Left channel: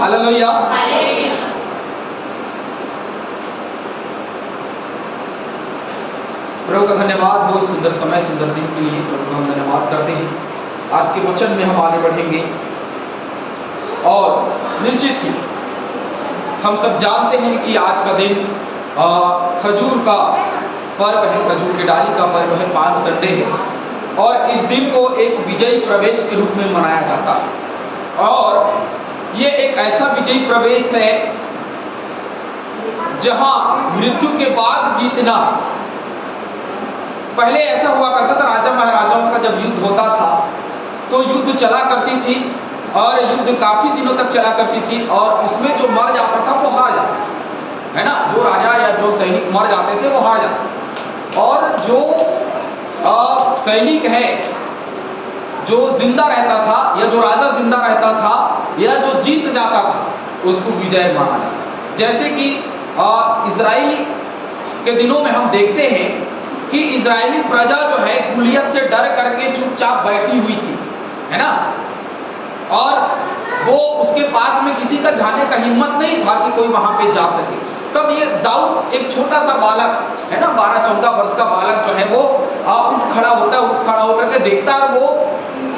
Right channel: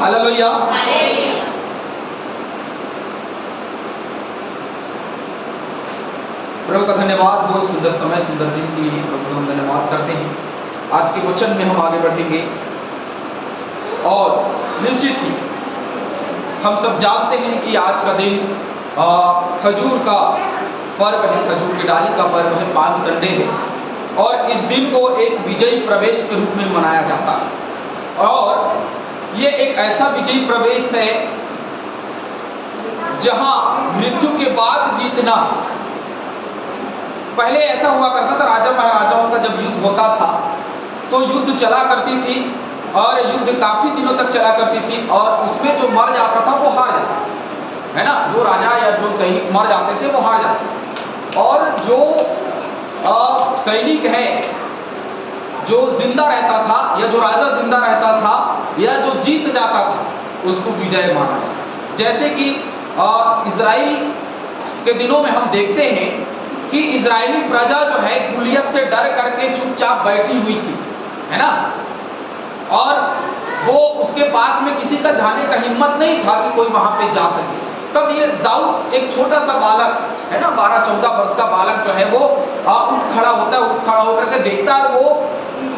Hallelujah. प्रभु का धन्यवाद हो सुंदर समय सुंदर दिन के लिए। प्रभु का हम धन्यवाद करते हैं। आज के वचन में हम आगे बढ़ेंगे और निश्चित ही हम सब जानते हैं कि आज का दिन खजूर का पर्व है, खजूर की डाली का पर्व है, पाल्म संडे है और इस दिन को एक विजयी प्रवेश के रूप में मनाया जाता है। और ये एक ऐसा विजयी प्रवेश है जहां मृत्यु के बाद जीतना। पहले ऐसा हुआ करता था, राजा महाराजाओं का जब युद्ध होता था तो युद्ध चला करती थी और युद्ध काफी दिनों तक चला करती थी और उसमें जो मर जाता था वो हार जाता है ना। जो राजा या जो सैनिक मर जाते थे वो हार जाते और जो सैनिक है जो जिंदा रहता था या जो राजा जिंदा रहता था या जो जीत जाता था उसको विजय माना जाता। जैसे कि इजराइल के दिनों में हम देखते हैं कि इजरायली प्रजा जो है गुलियत से डर करके चुपचाप बैठी हुई थी, है ना। और वो उसके पास में किसी का जाने का हिम्मत नहीं था कि कोई वहां पे जा सके। तब ये दाऊद एक छोटा सा बालक है ना, 12-14 वर्ष का बालक जो है वो उठ खड़ा होता है, उठ खड़ा होकर के देखता है और वो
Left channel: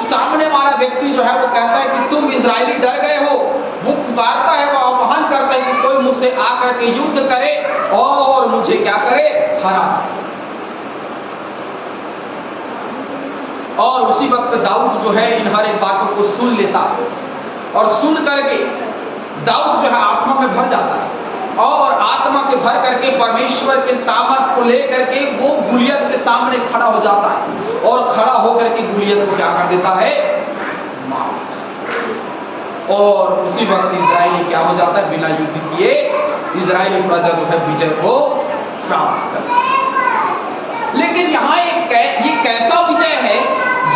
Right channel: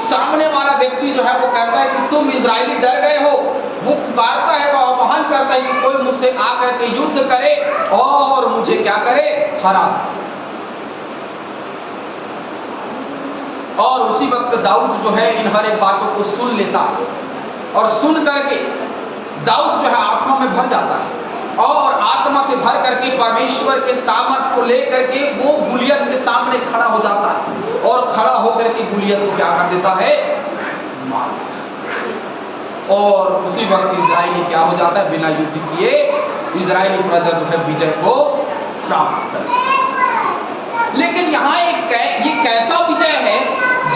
सामने वाला व्यक्ति जो है वो कहता है कि तुम इजरायली डर गए हो। वो पुकारता है, वो आह्वान करता है कि कोई मुझसे आकर के युद्ध करे और मुझे क्या करे, हरा। और उसी वक्त दाऊद जो है इन हर एक बातों को सुन लेता है और सुन करके दाऊद जो है आत्मा में भर जाता है और आत्मा से भर करके परमेश्वर के सामर्थ को लेकर के वो गुलियत के सामने खड़ा हो जाता है और खड़ा होकर के गुलियत को क्या कर देता है, मार देता है। और उसी वक्त इजराइली क्या हो जाता है, बिना युद्ध किए इजरायली प्रजा जो है विजय को प्राप्त करती है। लेकिन यहाँ ये कैसा विजय है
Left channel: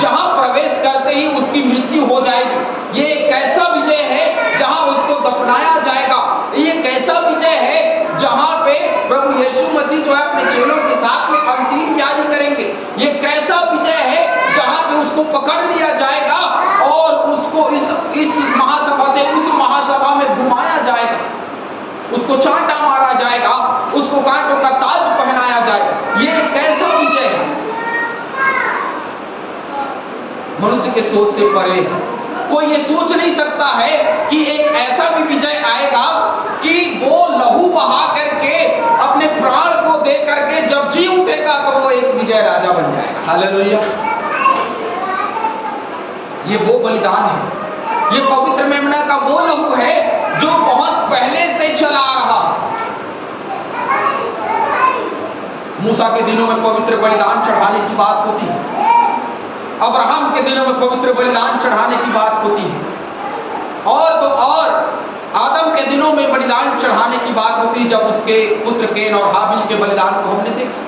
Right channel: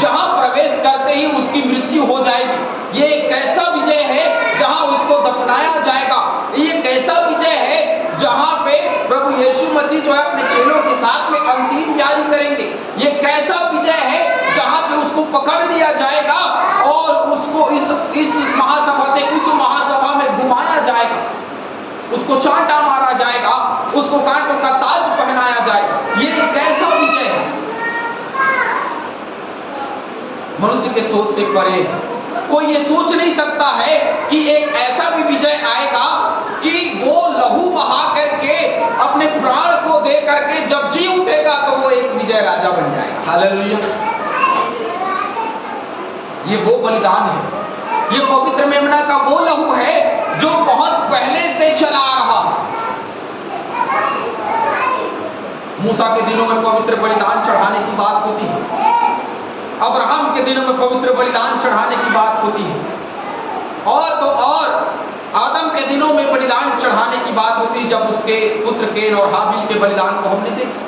जहां प्रवेश करते ही उसकी मृत्यु हो जाएगी। ये एक कैसा विजय है जहां उसको दफनाया जाएगा। ये कैसा विजय है जहां पे प्रभु यीशु मसीह जो है अपने चेलों के साथ में अंतिम यारी करेंगे। ये कैसा विजय है जहां पे उसको पकड़ लिया जाएगा और उसको इस महासभा से उस महासभा में घुमाया जाएगा, उसको चांटा मारा जाएगा, उसको कांटों का ताज पहनाया जाएगा। ये कैसा विजय है, मनुष्य के सोच से परे है। कोई ये सोच नहीं सकता है कि एक ऐसा भी विजय आएगा कि वो लहू बहा करके अपने प्राण को दे करके जब जी उठेगा तो वो एक विजय राजा बन जाएगा। हालेलुया। ये वो बलिदान है, ये पवित्र मेमना का वो लहू है जो बहुत पहले से चला आ रहा। मूसा के दिनों में पवित्र बलिदान चढ़ाने की बात होती है, अब्राहम के दिनों में पवित्र बलिदान चढ़ाने की बात होती है, और तो और आदम के दिनों में बलिदान चढ़ाने की बात होती है। जब उसके पुत्र केन और हाबिल के बलिदान को हमने देखा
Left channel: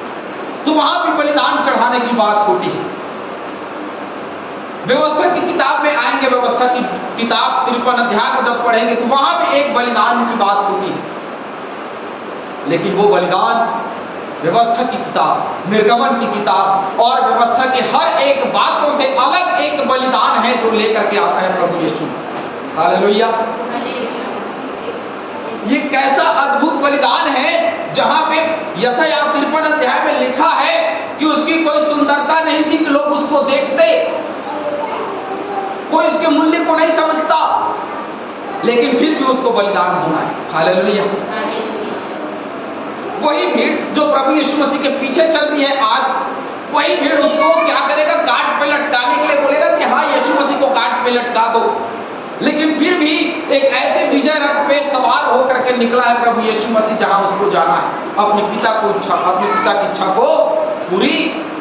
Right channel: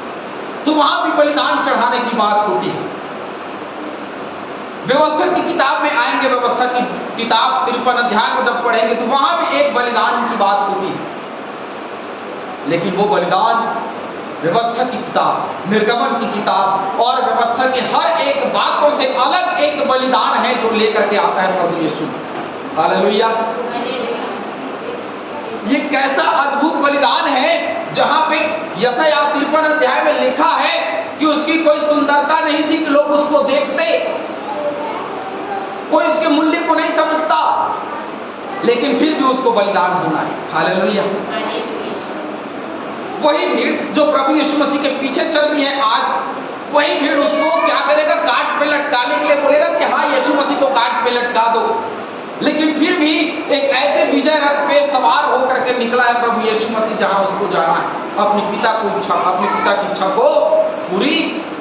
तो वहां भी बलिदान चढ़ाने की बात होती है। व्यवस्था की किताब में आएंगे, व्यवस्था की किताब 53 अध्याय को जब पढ़ेंगे तो वहां भी एक बलिदान की बात होती है। लेकिन वो बलिदान व्यवस्था की किताब, निर्गमन की किताब और व्यवस्था की हर एक बातों से अलग एक बलिदान है जो लेकर के आता है प्रभु यीशु। हालेलुया। ये कैसा अद्भुत बलिदान है जहां पे यशायाह 53 अध्याय में लिखा है कि उसकी कोई सुंदरता नहीं थी कि लोग उसको देखते, कोई उसके मूल्य को नहीं समझता, लेकिन फिर भी उसको बलिदान होना है। हालेलुया। वही भीड़ जो प्रभु यीशु मसीह के पीछे चल रही है आज, वही भीड़ उसको क्या करेगा, काट पे लटकाने के लिए बोलेगा कि हाँ यीशु मसीह को काट पे लटका दो। लेकिन फिर भी एक ऐसे विजय रथ पे सवार होकर के निकला है प्रभु यीशु मसीह जहां उसको जाना है, अपने पिता की इच्छा को पूरी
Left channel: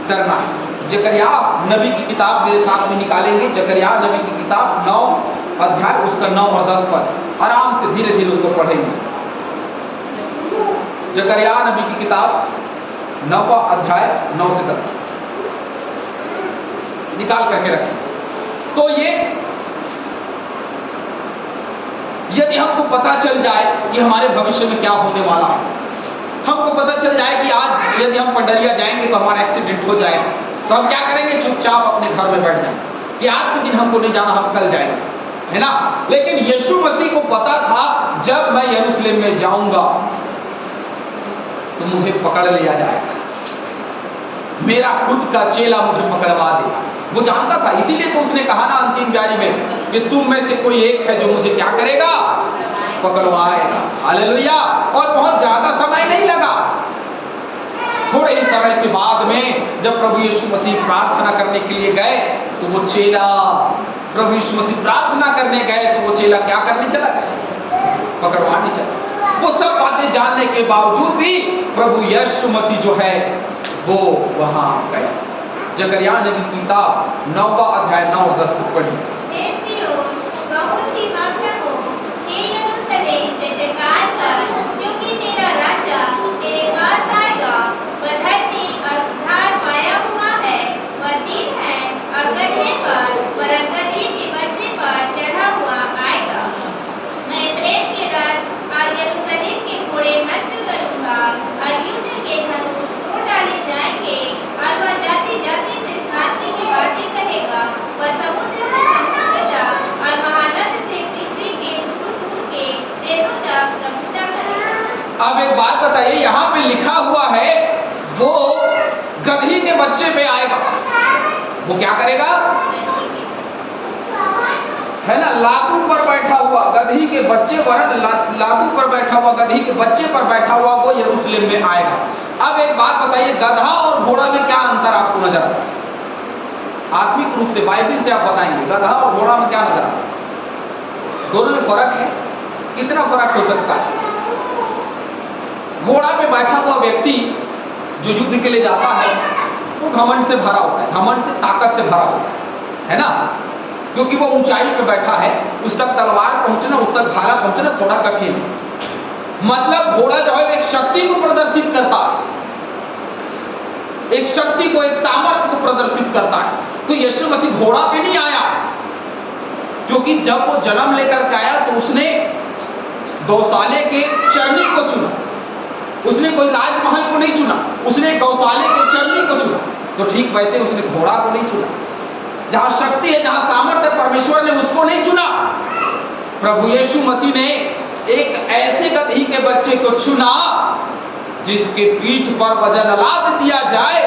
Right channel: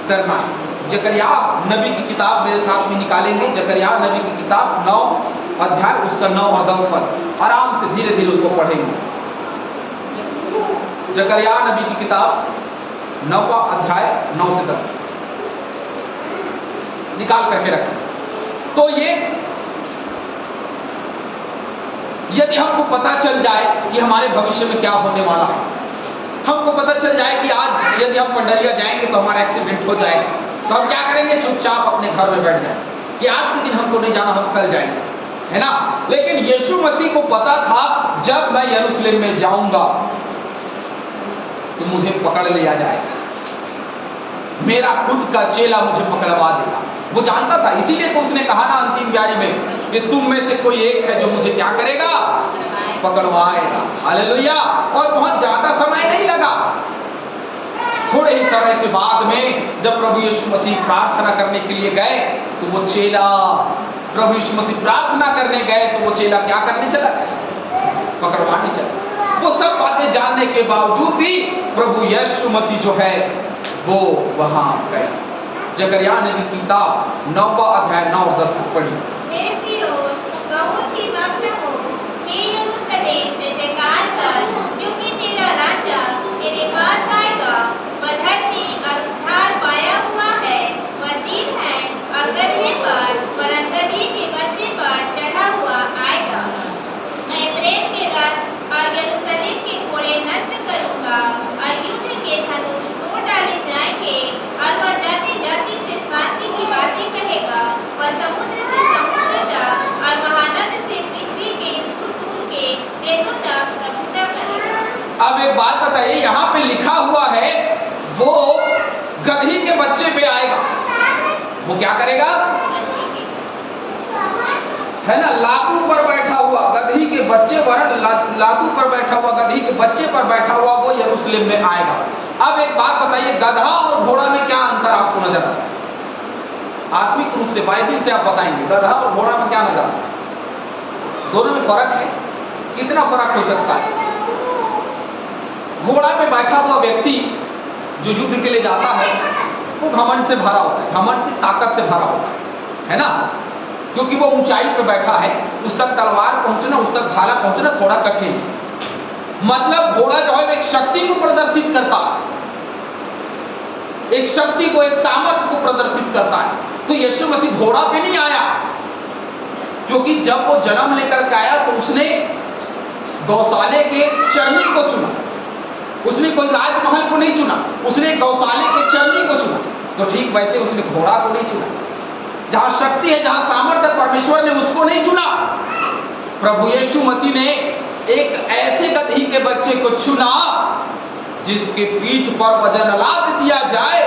करना है। जकरिया नबी की किताब मेरे साथ में निकालेंगे, जकरिया नबी की किताब 9 अध्याय उसका 9 और 10 पद, आराम से धीरे धीरे उसको पढ़ेंगे। जकरिया नबी की किताब 9वां अध्याय 9 से 10 निकाल करके रखें। तो ये यदि हमको पता चल जाए कि हमारे भविष्य में क्या होने वाला है, हमको पता चल जाए कि आज यदि हम पंडरिया जाएंगे तो हमारा एक्सीडेंट हो जाएगा, तो हम क्या करेंगे, चुपचाप अपने घर में बैठ जाएंगे कि आज के दिन हमको नहीं जाना, हम कल जाएंगे। है ना। लेकिन यीशु मसीह को पता था जब मैं यरूशलेम में जाऊंगा तो मुझे पकड़ लिया जाएगा, मेरा खुद का चेला मुझे पकड़वा देगा। वो जानता था, इसीलिए तो उसने कहा ना अंतिम ब्यारी में कि तुम में से कोई एक है जो मुझे क्या करेगा, पकड़वाएगा। हालेलुया। और बहुत ज्यादा समय नहीं लगा, थोड़े ही समय के बाद में जब प्रभु यीशु मसीह प्रार्थना करने के लिए गए तो वो चेला, प्रभु यीशु मसीह प्रार्थना करने गए तो वो चेला क्या करने चला गया, पकड़वाने चला। वो सब बातें जानने के बावजूद भी प्रभु यीशु मसीह जो है वो वहां गए। जकरिया नबी की किताब 9वां अध्याय 9 और 10 को पढ़िए। क्योंकि तेरा राजा तेरे पास आएगा, वह धर्मी और उद्धार पाया हुआ है, वह दीन है और गदहे पर, वरन गदही के बच्चे पर चढ़ा हुआ आएगा। मैं प्रेम के रथ और यरूशलेम के घोड़े नष्ट करूंगा और युद्ध के धनुष तोड़ डाले जाएंगे, और वह जाति जाति से शांति की बातें कहेगा। वह समुद्र से समुद्र तक और महानद से पृथ्वी के दूर दूर के देशों तक प्रभुता करेगा। अब एक बात बताइए, यहाँ पे लिखा हुआ है वो गदही के बच्चे पे आएगा, वो क्या करेगा, है ना, लातू पर बैठा हुआ गदही के बच्चे, वरन लातू पर बैठा हुआ गदही के बच्चे पर बैठा हुआ वो यरूशलेम में आएगा। अब एक बात बताइए, गधा और घोड़ा में क्या अंतर आपको नजर आता है? आत्मिक रूप से बाइबल से आप बताएंगे गधा और घोड़ा में क्या नजर आता है? दोनों में फर्क है, कितना फर्क हो सकता है? घोड़ा में बैठा हुआ व्यक्ति जो युद्ध के लिए जाता है वो घमंड से भरा होता है, घमंड से, ताकत से भरा होता है ना, क्योंकि वो ऊंचाई पे बैठा है, उस तक तलवार पहुंचना, उस तक भाला पहुंचना थोड़ा कठिन है। मतलब घोड़ा जो है एक शक्ति को प्रदर्शित करता है, एक शक्ति को, एक सामर्थ्य को प्रदर्शित करता है। तो यीशु मसीह घोड़ा पे नहीं आया, क्योंकि जब वो जन्म लेकर के आया तो उसने गौशाले के चरनी को चुना, उसने कोई राजमहल को नहीं चुना, उसने गौशाले के चरनी को चुना। तो ठीक वैसे उसने घोड़ा को नहीं चुना, जहां शक्ति है, जहां सामर्थ्य परमेश्वर ने उसको नहीं चुना। प्रभु यीशु मसीह ने एक ऐसे गदही के बच्चे को चुना जिसके पीठ पर वजन लाद दिया जाए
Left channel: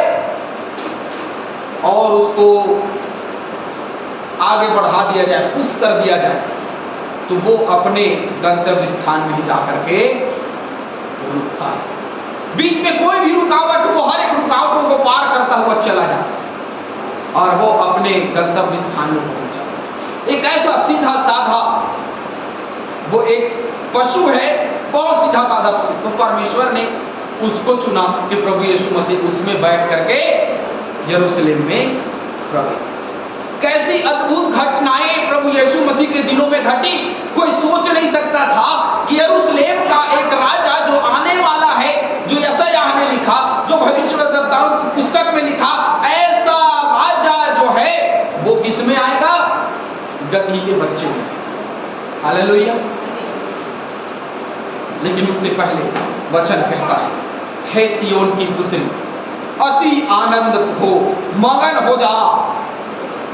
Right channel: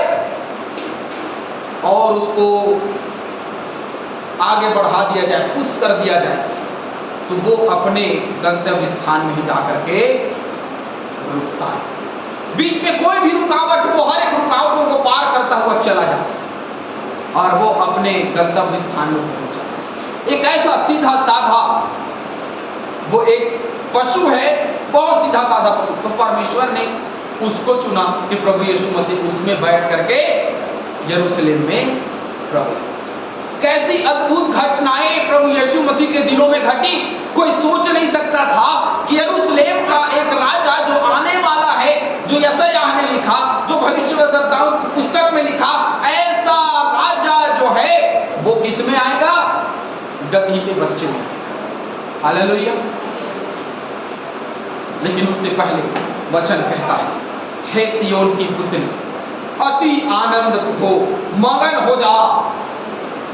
और उसको आगे बढ़ा दिया जाए, पुश कर दिया जाए, तो वो अपने गंतव्य स्थान में ही जाकर के रुकता है। बीच में कोई भी रुकावट, वो हर एक रुकावटों को पार करता हुआ चला जाता और वो अपने गंतव्य स्थान में पहुंचा। एक ऐसा सीधा साधा, वो एक पशु है, बहुत सीधा साधा पशु, तो परमेश्वर ने उसको चुना कि प्रभु यीशु मसीह उसमें बैठ करके यरूशलेम में प्रवेश। कैसी अद्भुत घटनाएं प्रभु यीशु मसीह के दिनों में घटी। कोई सोच नहीं सकता था कि यरूशलेम का एक राजा जो आने वाला है, जो यशायाह ने लिखा, जो भविष्यवक्ताओं की पुस्तक में लिखा, ऐसा राजा जो है वो किस में आएगा, गदही के बच्चे में आएगा। हालेलुया। लेकिन उससे पहले वचन कहता है, हे सियोन की पुत्री अति आनंद हो, मगन हो जा।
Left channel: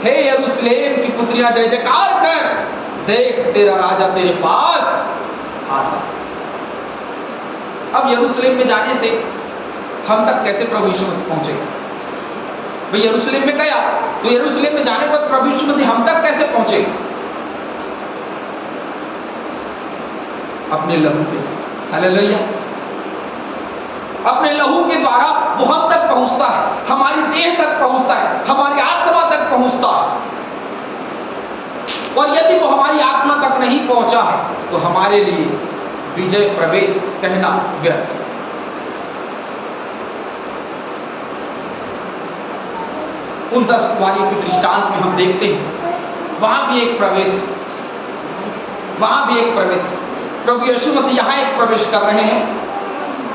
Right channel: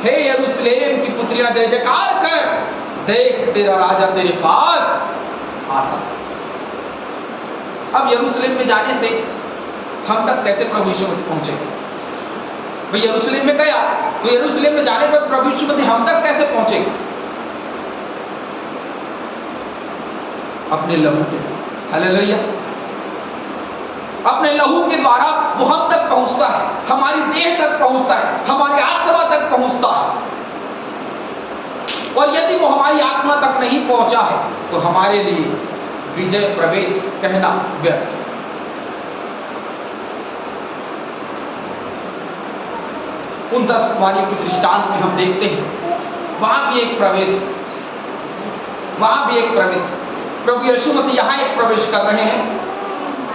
हे यरूशलेम की पुत्रियां जय जयकार कर, देख तेरा राजा तेरे पास आता। अब यरूशलेम में जाने से हम तक कैसे प्रभु यीशु मसीह पहुंचेगा? भाई यरूशलेम में गया तो यरूशलेम में जाने पर प्रभु यीशु मसीह हम तक कैसे पहुंचेगा? अपने लहू के, हालेलुया, अपने लहू के द्वारा वो हम तक पहुंचता है, हमारी देह तक पहुंचता है, हमारी आत्मा तक पहुंचता है। और यदि वो हमारी आत्मा तक नहीं पहुंचा है तो हमारे लिए विजय प्रवेश कहना व्यर्थ है। उन 10 कुमारियों के दृष्टांत में हम देखते हैं वहां भी एक प्रवेश, वहां भी एक प्रवेश। प्रभु यीशु मसीह यहाँ एक प्रवेश कर रहे हैं,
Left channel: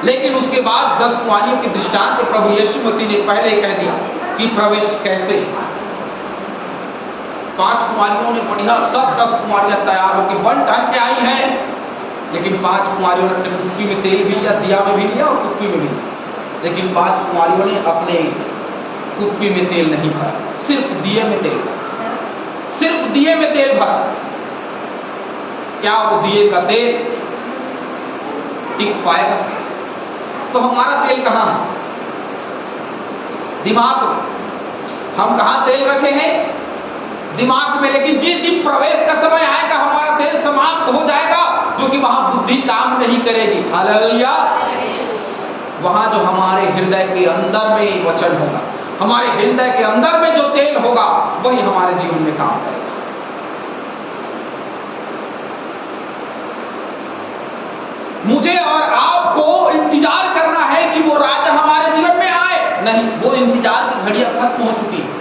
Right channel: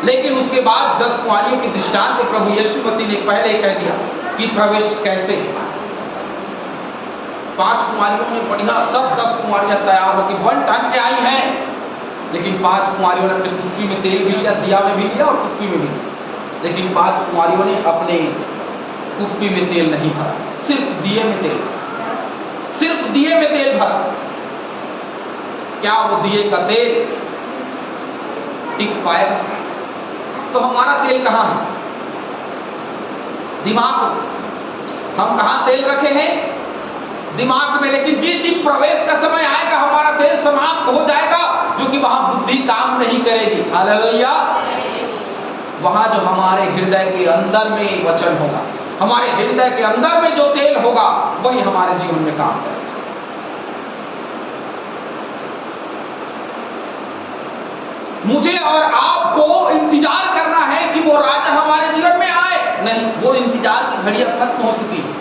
लेकिन उसके बाद 10 कुमारियों के दृष्टांत से प्रभु यीशु मसीह ने पहले कह दिया कि प्रवेश कैसे। 5 कुमारियों ने बढ़िया, सब 10 कुमारियां तैयार होकर बन ठन के आई हैं, लेकिन 5 कुमारियों ने अपने कुप्पी में तेल भी लिया, दिया में भी लिया और कुप्पी में भी लिया। लेकिन 5 कुमारियों ने अपने कुप्पी में तेल नहीं भरा, सिर्फ दिए में तेल भरा, सिर्फ दिए में तेल भरा। क्या वो दिए का तेल टिक पाएगा? तो हमारा तेल कहाँ है? दिमाग में। हम कहाँ तेल रखे हैं? दिमाग में। लेकिन जिस दिन प्रवेश का समय आएगा हमारा तेल समाप्त हो जाएगा, जो कि वहां बुद्धि काम नहीं करेगी। हालेलुया। वहां जो हमारे हृदय के अंदर में वचन होगा, हमारे हृदय के अंदर में जो तेल होगा, वही हमारे जीवन में काम करेगा। मुझे और आपको इंतजार करना है कि वो राजा हमारे जीवन में आए? नहीं, वो इंतजार की घड़ियां खत्म हो चुकी है।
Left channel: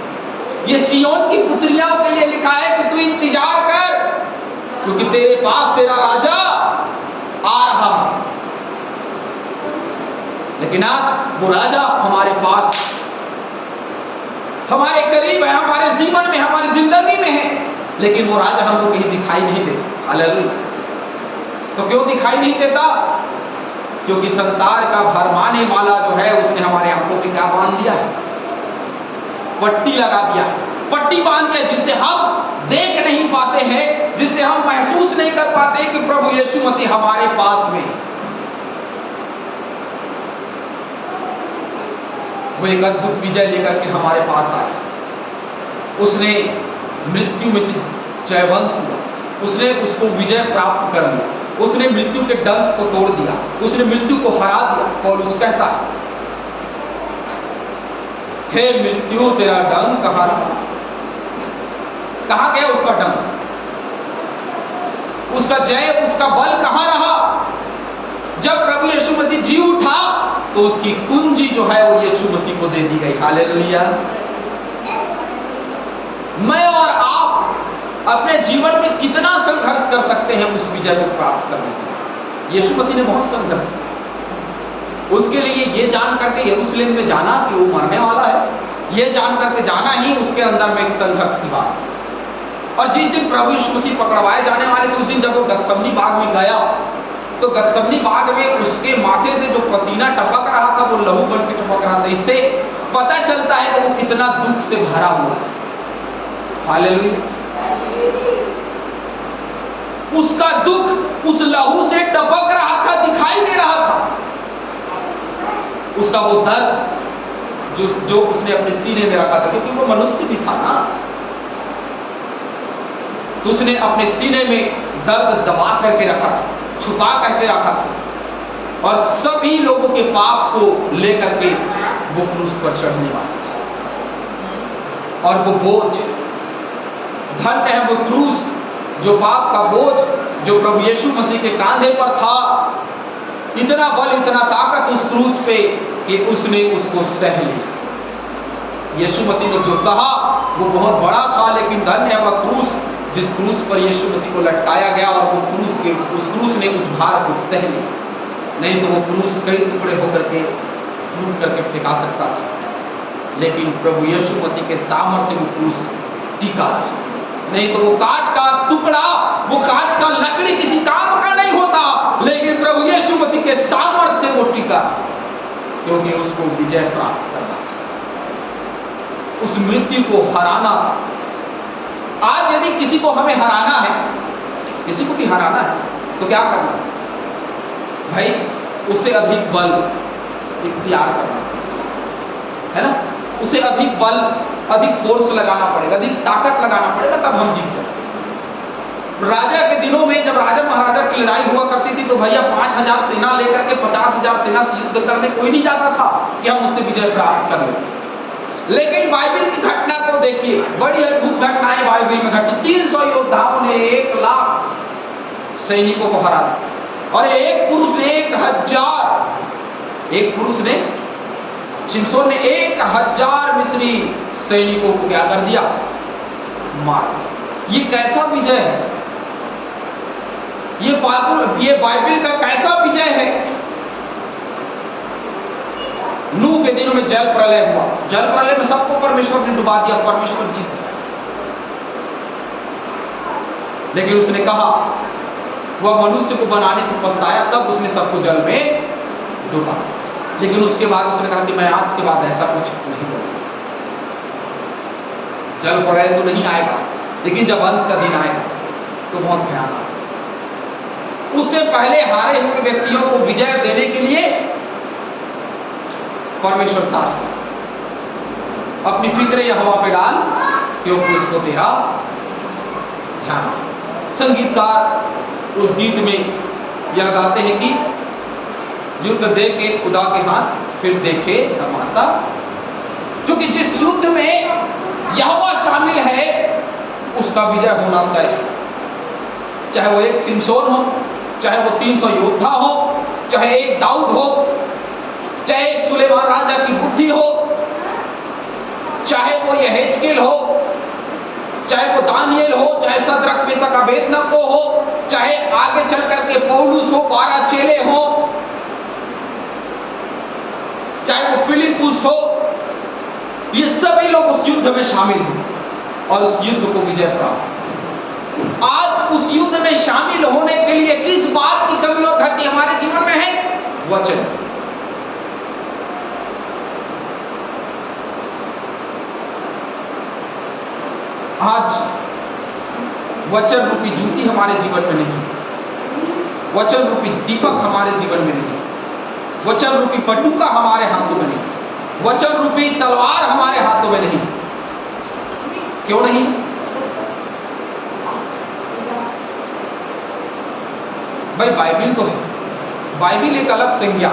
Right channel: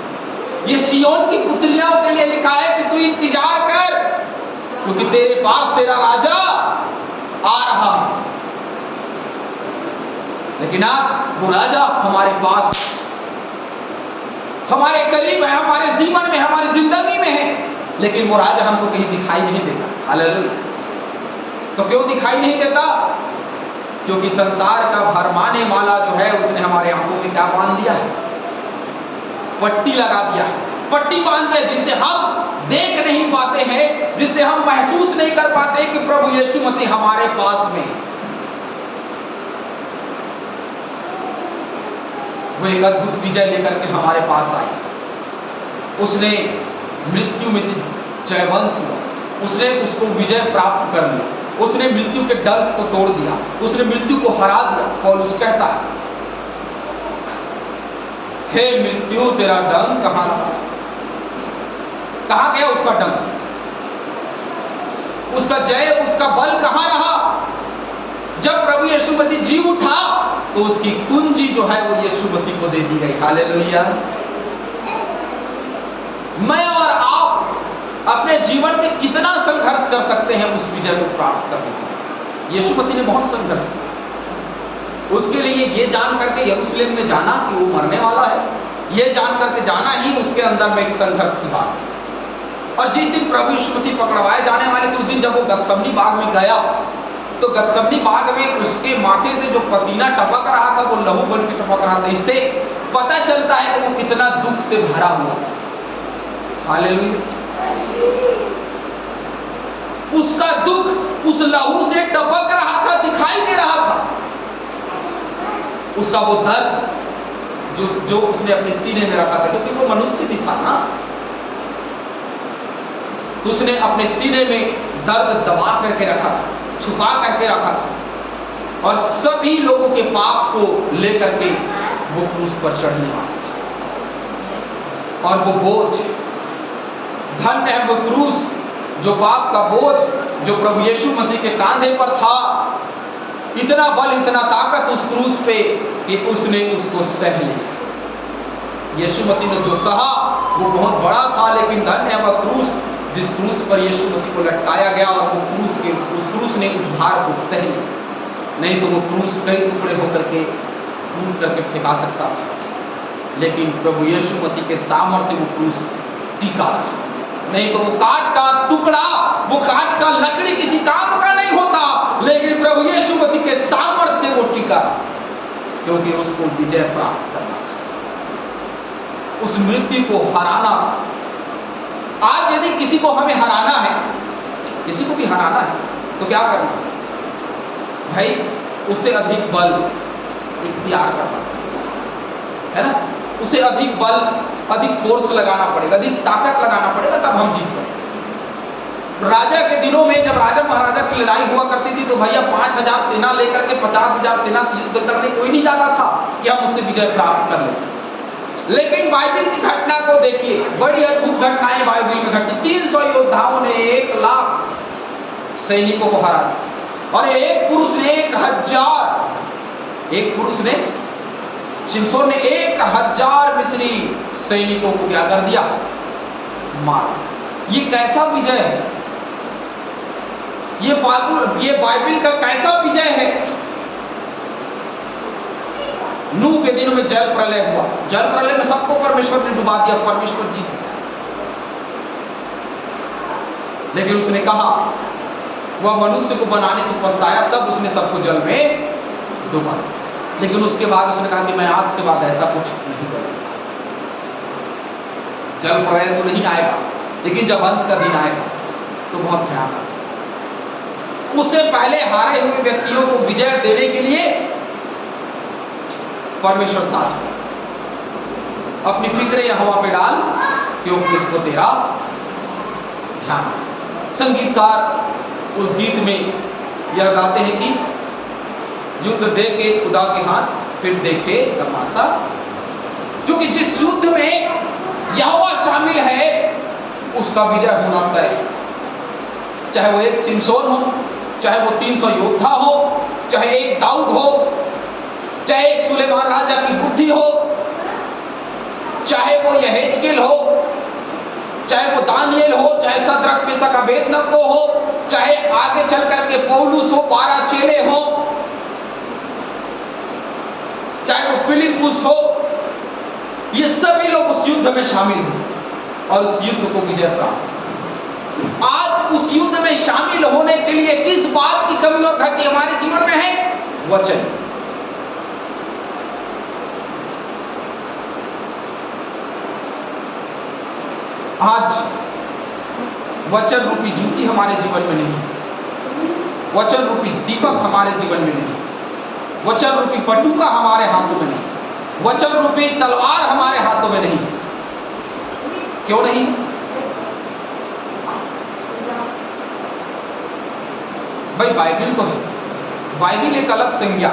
ये सियोन की पुत्रियों के लिए लिखा है कि तू इंतजार कर, क्योंकि तेरे पास तेरा राजा आ रहा है। लेकिन आज वो राजा हमारे पास, हमारे करीब है, हमारे जीवन में, हमारी जिंदगी में है, लेकिन वो राजा हमको कहीं दिखाई नहीं देता। हालेलुया। तो क्यों दिखाई नहीं देता? क्योंकि संसार का भरमाने वाला जो है उसने हमारे आंखों पे क्या बांध दिया है? पट्टी लगा दिया है। पट्टी बांध दिया, जिससे हम देख नहीं पाते हैं, जिससे हम महसूस नहीं कर पाते कि प्रभु यीशु मसीह हमारे पास में। वो एक अद्भुत विजय लेकर के हमारे पास आया। उसने मृत्यु में से जयवंत हुआ, उसने उसको विजय प्राप्त कर लिया, उसने मृत्यु के डंक को तोड़ दिया, उसने मृत्यु को हरा दिया। पौलुस कहता है, हे मृत्यु तेरा डंक कहां रहा? कहां गया उसका डंक? उसका जय, उसका बल कहां रहा? जब प्रभु यीशु मसीह जी उठा तो उसकी कुंजी जो है वो यीशु मसीह को दे दी गई। हालेलुया। मैं और आप अपने जीवन में कितना संघर्ष कर सकते हैं उस विजय को प्राप्त करने के लिए? यीशु मसीह ने बहुत संघर्ष किया। उसके लिए ये जान करके यरूशलेम में जाना कि वो मरने वाला है, ये जान करके जाना ही उसके अंदर में एक संघर्ष की बात थी। और जिस दिन प्रभु यीशु मसीह पकड़वाए जाने वाले थे, उस दिन जब वो गतसमनी बाग में गया, तो गतसमनी बाग में उसके माथे से जो पसीना टपक रहा था वो लहू बन के टपक रहा था। इससे पता चलता है कि वो कितना दुख से भरा हुआ था। हालेलुया। उसका दुख उस लहू से टपक रहा था, दिखाई दे रहा था। उसका वो दर्द जो उसने अपने सीने में रखा था, क्योंकि वो मनुष्य भी था ना, तो उसने अपने सीने में दर्द दबा करके रखा था, छुपा करके रखा था, और सभी लोगों के पाप को लेकर के वो क्रूस पर चढ़ने वाला था। और वो बोझ, धन्य है वो क्रूस, जो पाप का बोझ जो प्रभु यीशु मसीह के कांधे पर था। इतना बल, इतना ताकत उस क्रूस पे कि उसने उसको सह लिया। यीशु मसीह ने जो सहा वो बहुत बड़ा था, लेकिन धन्य है वह क्रूस जिस क्रूस पर यीशु मसीह को लटकाया गया, और वो उस क्रूस ने उस भार को सह लिया। नहीं तो वो क्रूस कई टुकड़े होकर के टूट करके फेंका सकता था, लेकिन प्रभु यीशु मसीह के सामर्थ्य से वो क्रूस टिका रहा। नहीं तो वो काठ का टुकड़ा, वो काठ का लकड़ी किसी काम का नहीं होता, लेकिन प्रभु यीशु मसीह के सामर्थ्य से वो टिका, क्योंकि उसको विजय प्राप्त करना था, उस मृत्यु को हराना था। आज यदि किसी को हमें हराना है, किसी को भी हराना है, तो क्या करना भाई? उससे अधिक बल इख्तियार करना है ना, उसे अधिक बल, अधिक फोर्स लगाना पड़ेगा, अधिक ताकत लगाना पड़ेगा, तब हम जीत सकते। राजा के दिनों में जब राजा महाराजा की लड़ाई हुआ करती थी, तो भैया 5000 सेना लेकर के 50,000 सेना से युद्ध करने कोई नहीं जाता था कि हम उससे विजय प्राप्त कर लें। लेकिन बाइबिल की घटना को देखिए, बड़ी अद्भुत घटनाएं बाइबिल में घटी। 300 योद्धाओं ने 1 लाख सैनिकों को हरा दिया, और एक पुरुष ने 1000, एक पुरुष ने, शिमशोन ने 1000 मिस्री सैनिकों को क्या कर दिया? मार। ये कैसा विजय है? ये बाइबिल का कैसा विजय है? नूह के दिनों में जल प्रलय हुआ, जल प्रलय में सबको परमेश्वर ने डुबा दिया, परमेश्वर जीत गया। लेकिन उसने कहा, वह मनुष्य को बनाने से पछताया, तब उसने सबको जल में डुबा। लेकिन उसके बाद उसने कहा कि मैं आज के बाद ऐसा कुछ नहीं करूंगा। जल प्रलय तो नहीं आएगा, लेकिन जब अंत का दिन आएगा तो बहुत भयानक। उससे पहले हारे हुए व्यक्तियों को विजय देने के लिए परमेश्वर साथ है। अपनी फिक्रें हवा पे डाल, क्योंकि उसको तेरा ध्यान। संगीतकार उस गीत में यह गाते हैं कि युद्ध देखे खुदा के हाथ, फिर देखे तमाशा। क्योंकि जिस युद्ध में यहोवा शामिल है उसका विजय होना तय है। चाहे वो एक सिमसोन हो, चाहे वो 300 योद्धा हो, चाहे एक दाऊद हो, चाहे एक सुलेमान राजा की बुद्धि हो, चाहे वो यहेजकेल हो, चाहे वो दानिएल हो, चाहे सद्रक मेशक अबेदनगो हो, चाहे आगे चल करके पौलुस हो, 12 चेले हो, चाहे वो फिलिपुस हो, ये सभी लोग उस युद्ध में शामिल हैं और उस युद्ध को विजय प्राप्त। आज उस युद्ध में शामिल होने के लिए किस बात की कमी और घटी हमारे जीवन में है? वचन। आज वचन रूपी जूती हमारे जीवन में नहीं, वचन रूपी दीपक हमारे जीवन में नहीं, वचन रूपी बटुका हमारे हाथों में नहीं, वचन रूपी तलवार हमारे हाथों में नहीं। क्यों नहीं? भाई बाइबिल तो है, बाइबिल एक अलग संज्ञा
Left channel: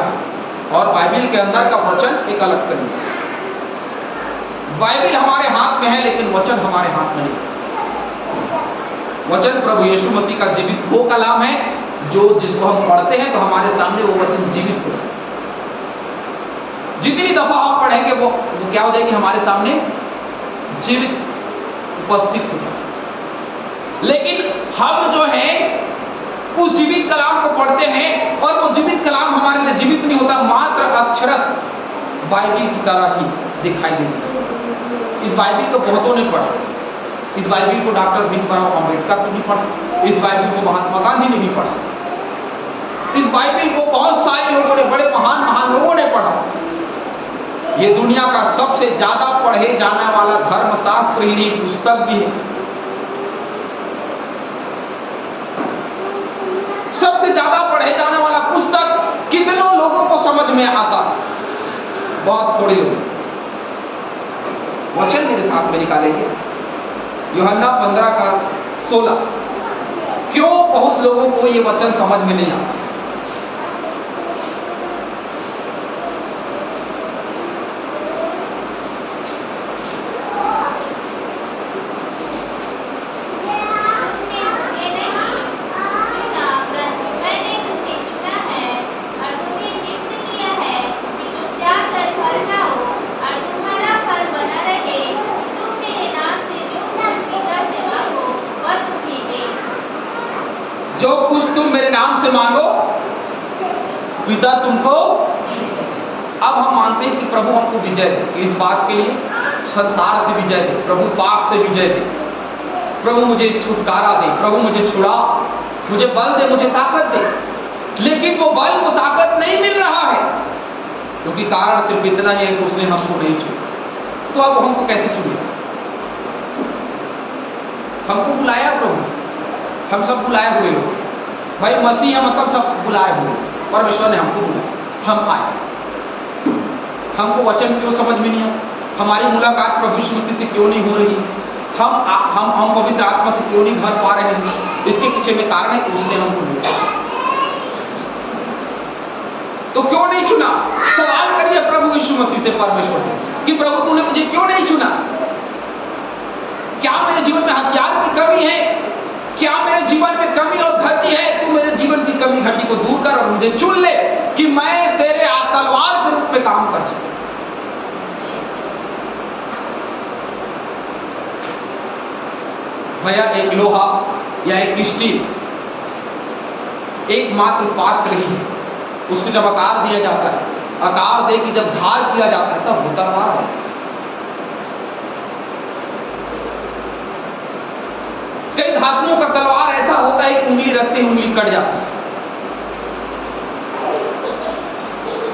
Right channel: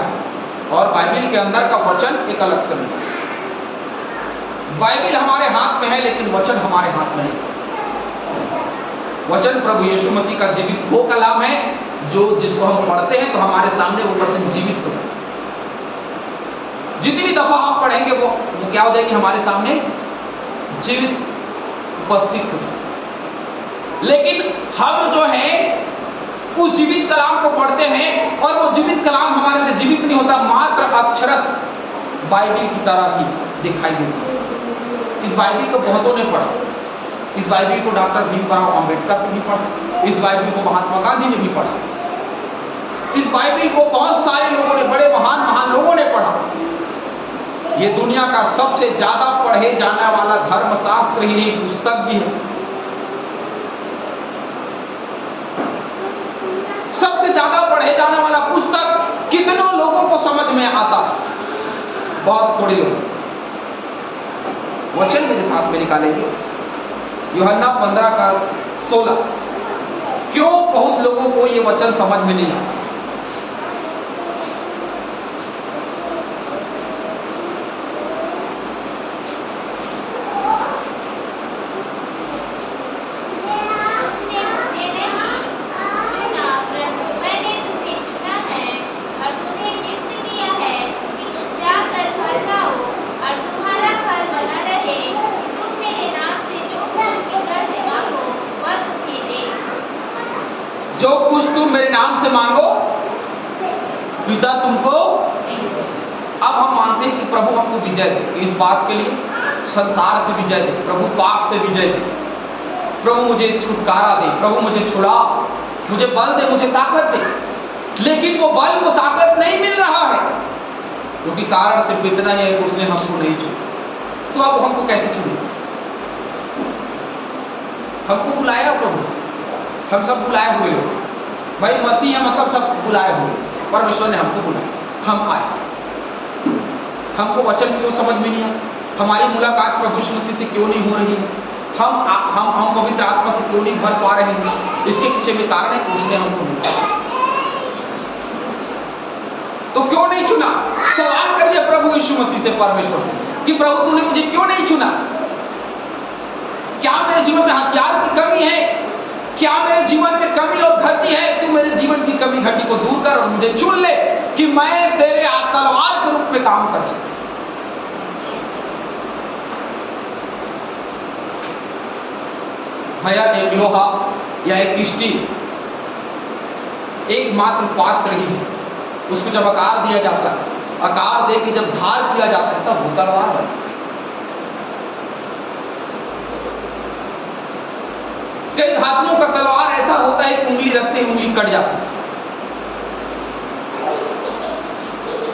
और बाइबिल के अंदर का वचन एक अलग संज्ञा। बाइबिल हमारे हाथ में है लेकिन वचन हमारे हाथ में नहीं। वचन प्रभु यीशु मसीह का जीवित वो कलाम है जो जिसको हम पढ़ते हैं तो हमारे सामने वो वचन जीवित हो जाए। जितनी दफा हम पढ़ेंगे वो क्या हो जाएगी? हमारे सामने जीवित उपस्थित हो जाए। लेकिन हम जो है उस जीवित कलाम को पढ़ते हैं और वो जीवित कलाम हमारे लिए जीवित नहीं होता, मात्र अक्षरस बाइबिल की तरह ही दिखाई देती है। इस बाइबिल को बहुतों ने पढ़ा, इस बाइबिल को डॉक्टर भीमराव अंबेडकर ने भी पढ़ा, इस बाइबिल को महात्मा गांधी ने भी पढ़ा, इस बाइबिल को बहुत सारे लोगों ने, बड़े महान महान लोगों ने पढ़ा। ये दुनिया का सबसे ज्यादा पढ़े जाने वाला धर्मशास्त्र ही नहीं, पुस्तक भी है। सबसे ज्यादा पढ़े जाने वाला पुस्तक कितनों लोगों को समझ में आता है? बहुत थोड़े लोग। वचन मेरे साथ में निकालेंगे, यूहन्ना 15:16। क्यों बहुत लोगों को ये वचन समझ में नहीं आता? जो कुछ तुम मेरे नाम से मांगो पिता तुमको। अब हम मानते हैं कि प्रभु हमको विजय दे। इस बात के लिए संसार से विजय दे, प्रभु पाप से विजय दे, प्रभु मुझे छुटकारा दे, प्रभु मुझे छुड़ा, मुझे बल दे, मुझे ताकत दे। लेकिन वो बल, वो ताकत नहीं मिल रहा है, क्योंकि कारण सिर्फ इतना ही है कि उसने हमको नहीं छुआ। तो अब हमको कैसे छुए? हमको बुलाया प्रभु, हम सब बुलाए हुए लोग। भाई मसीह है मतलब सब बुलाए हुए। परमेश्वर ने हमको बुलाया, हम आए। हमको वचन क्यों समझ में नहीं आता? हमारी मुलाकात प्रभु यीशु मसीह से क्यों नहीं हो रही? हम पवित्र आत्मा से क्यों नहीं भर पा रहे हैं? इसके पीछे में कारण है कि उसने हमको नहीं चुना। तो क्यों नहीं चुना? सवाल करिए प्रभु यीशु मसीह से, परमेश्वर से, कि प्रभु तूने मुझे क्यों नहीं चुना? क्या मेरे जीवन में हथियार की कमी है? क्या मेरे जीवन में कमी और घटी है? तू मेरे जीवन की कमी घटी को दूर कर और मुझे चुन ले कि मैं तेरे तलवार के रूप में काम कर सकूं। भैया एक लोहा या एक स्टील एकमात्र पात्र ही है। उसको जब आकार दिया जाता है, आकार दे के जब धार किया जाता है तब वो तलवार बनता है। कई धातुओं का तलवार ऐसा होता है कि उंगली रखते ही उंगली कट जाती है।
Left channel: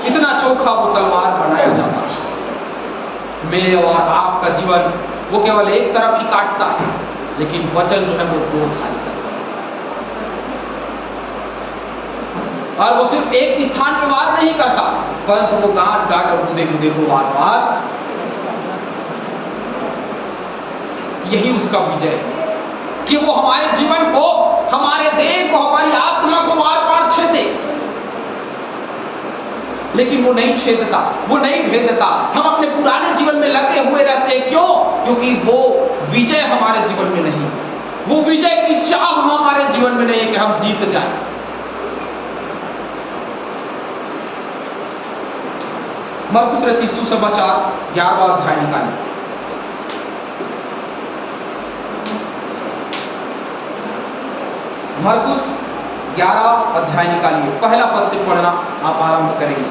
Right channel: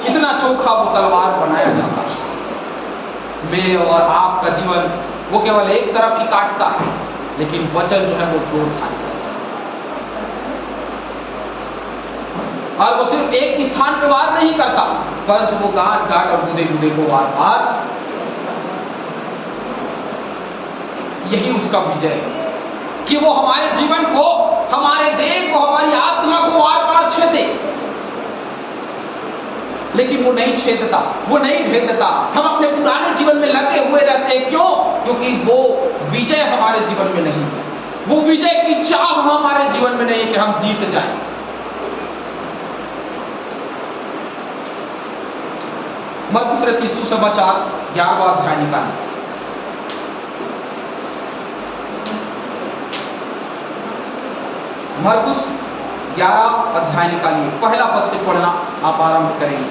इतना चोखा वो तलवार बनाया जाता है। मेरे और आपका जीवन वो केवल एक तरफ ही काटता है, लेकिन वचन जो है वो दो धारी तलवार। और वो सिर्फ एक स्थान पे वार नहीं करता, परंतु वो गांठ गांठ और गुदे गुदे को वार वार, यही उसका विजय है कि वो हमारे जीवन को, हमारे देह को, हमारी आत्मा को वार पार छेदे, लेकिन वो नहीं छेदता, वो नहीं भेदता। हम अपने पुराने जीवन में लगे हुए रहते हैं। क्यों? क्योंकि वो विजय हमारे जीवन में नहीं, वो विजय की चाह हमारे जीवन में नहीं है कि हम जीत जाएं। मरकुस रचित सुसमाचार 11वां अध्याय निकालिए। मरकुस 11 अध्याय निकालिए, पहला पद से पढ़ना आप आरंभ करेंगे।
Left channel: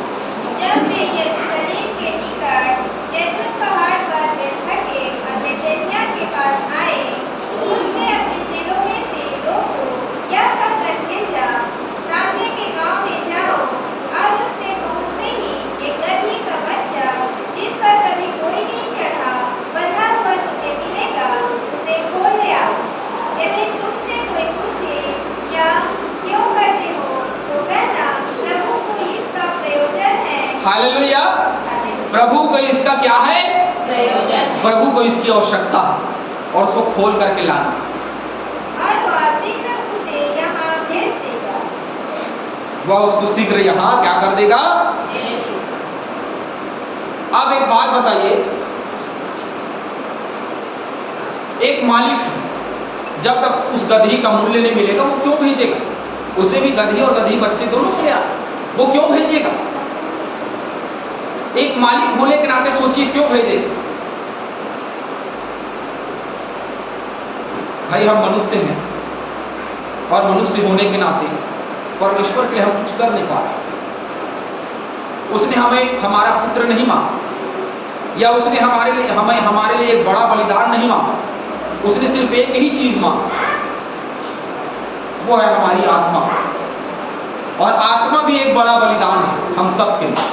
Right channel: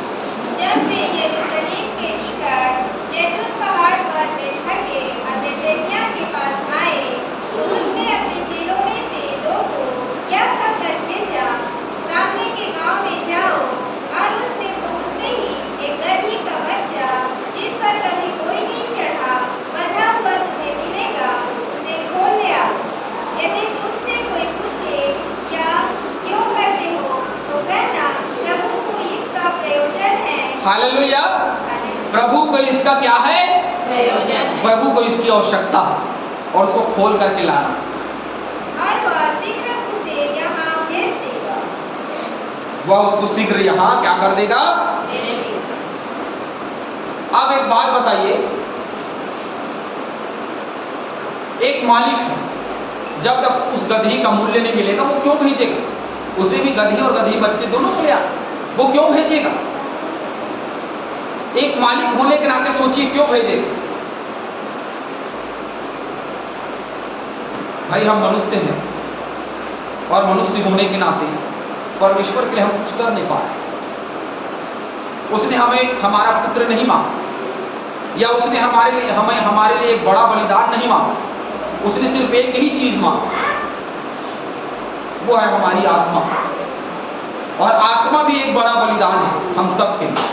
जब वे यरूशलेम के निकट जैतून पहाड़ पर बैठके बेथनिया के पास आए, तो उसने अपने चेलों में से 2 को यह कहकर भेजा, सामने के गांव में जाओ और उसमें पहुंचते ही एक गदही का बच्चा जिस पर कभी कोई नहीं चढ़ा, बंधा हुआ तुम्हें मिलेगा, उसे खोल ले आओ। यदि तुमसे कोई पूछे या क्यों करते हो, तो कहना प्रभु को इसका प्रयोजन है। हालेलुया। प्रभु को इसका क्या है? प्रयोजन। प्रभु को इसकी आवश्यकता है और उसको खोल करके लाना, और वह शीघ्र उसे यहाँ भेज देगा। वह उसको शीघ्र यहाँ क्या कर देगा? अब एक बात बताइए, एक मालिक है, जब तक उस गधी का मूल्य नहीं मिलेगा वो क्यों भेजेगा? उसने भी गधी और गधी बच्चे दोनों लिया, वो क्यों भेजेगा? एक मालिक होने के नाते सोचिए क्यों भेजेगा? भाई हम मनुष्य हैं और मनुष्य होने के नाते परमेश्वर के लिए हम कुछ कर नहीं पा रहे। उसने हमें हमारा पुत्र नहीं मांगा, या उसने हमारे लिए एक बड़ा बलिदान नहीं मांगा। उसने सिर्फ एक ही चीज मांगा, वो है हमारी आत्मा, और आत्मा भी एक बड़ा बलिदान है हम सब के लिए।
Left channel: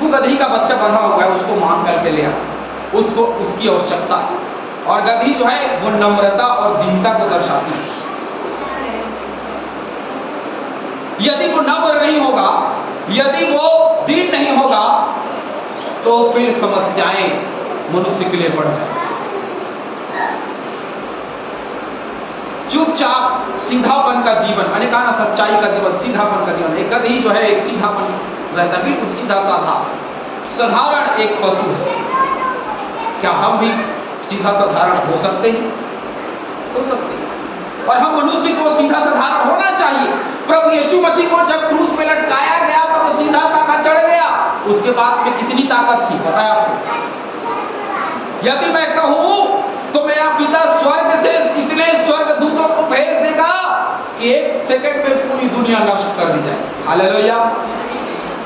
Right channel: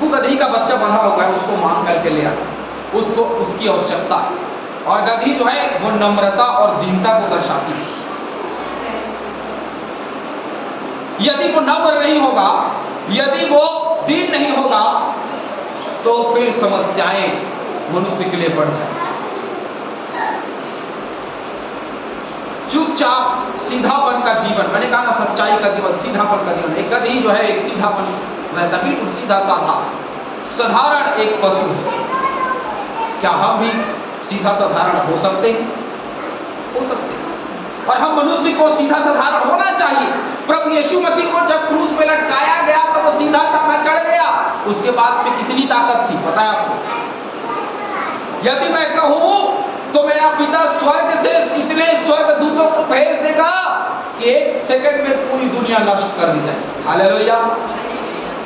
वो गधी का बच्चा बंधा हुआ है, उसको मांग करके ले आता, उसको उसकी आवश्यकता है। और गधी जो है वो नम्रता और दीनता को दर्शाती है। यदि वो नम्र नहीं होगा, यदि वो दीन नहीं होगा, तो फिर समस्याएं मनुष्य के लिए बढ़ जाएंगी। चुपचाप सीधापन का जीवन, मैंने कहा ना, सच्चाई का जीवन, सीधापन का जीवन। एक गधी जो है एक सीधापन रहता, बिल्कुल सीधा साधा साधारण एक पशु है। क्या हम भी सीधा साधारण हो सकते हैं? हो सकते हैं। और हम मनुष्य को सीधा साधारण होना चाहिए। प्रभु यीशु मसीह को जब क्रूस पे लटकाया गया तो वो सीधा साधा चढ़ गया। उसके पास में कितनी ताकत थी पता है आपको? यदि मैं कहूं तो मेरा पिता स्वर्ग से इतने स्वर्गदूतों को भेज देगा कि 1 सेकंड में पूरी दुनिया नष्ट कर दी जाएगी। हालेलुया।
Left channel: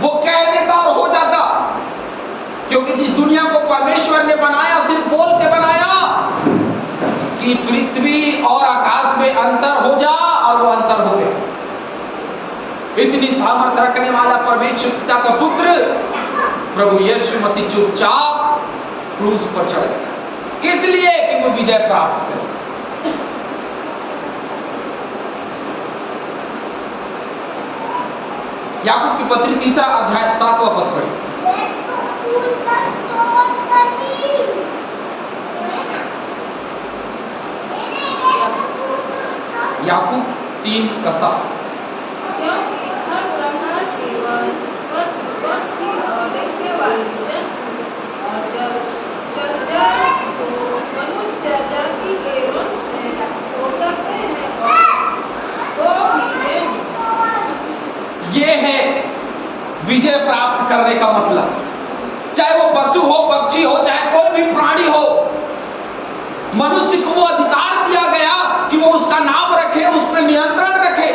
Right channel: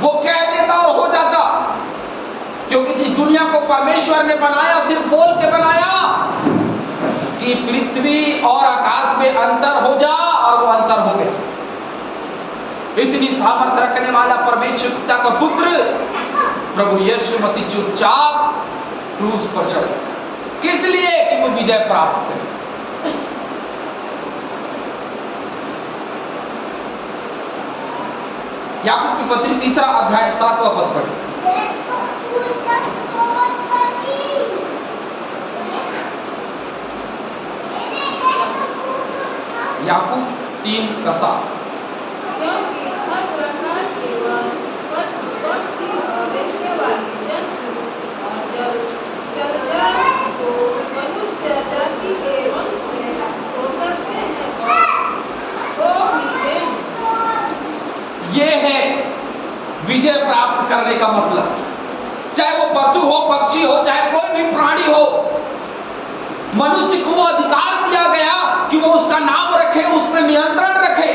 वो कह देता और हो जाता, क्योंकि जिस दुनिया को परमेश्वर ने बनाया, सिर्फ बोल के बनाया कि पृथ्वी और आकाश में अंतर हो जा, और वो अंतर हो गया। इतनी सामर्थ्य रखने वाला परमेश्वर पिता का पुत्र प्रभु यीशु मसीह चुपचाप क्रूस पर चढ़ गया। किस लिए? कि वो विजय प्राप्त करे। याकूब की पत्री 3 अध्याय 7वां पद पढ़िए। याकूब 3:7। क्योंकि हर प्रकार के पशु पक्षी और देखने वाले जंतु और जलचर को मनुष्य जाति के वंश में हो सकते हैं, और वो भी नहीं। ये है विजय प्राप्त करने का मतलब। चाहे वो पशु हो, पक्षी हो, चाहे कोई भी प्राणी हो, मनुष्य को वो अधिकार दिया गया कि वो उसका नाम रखे, उस पर नियंत्रण रखे।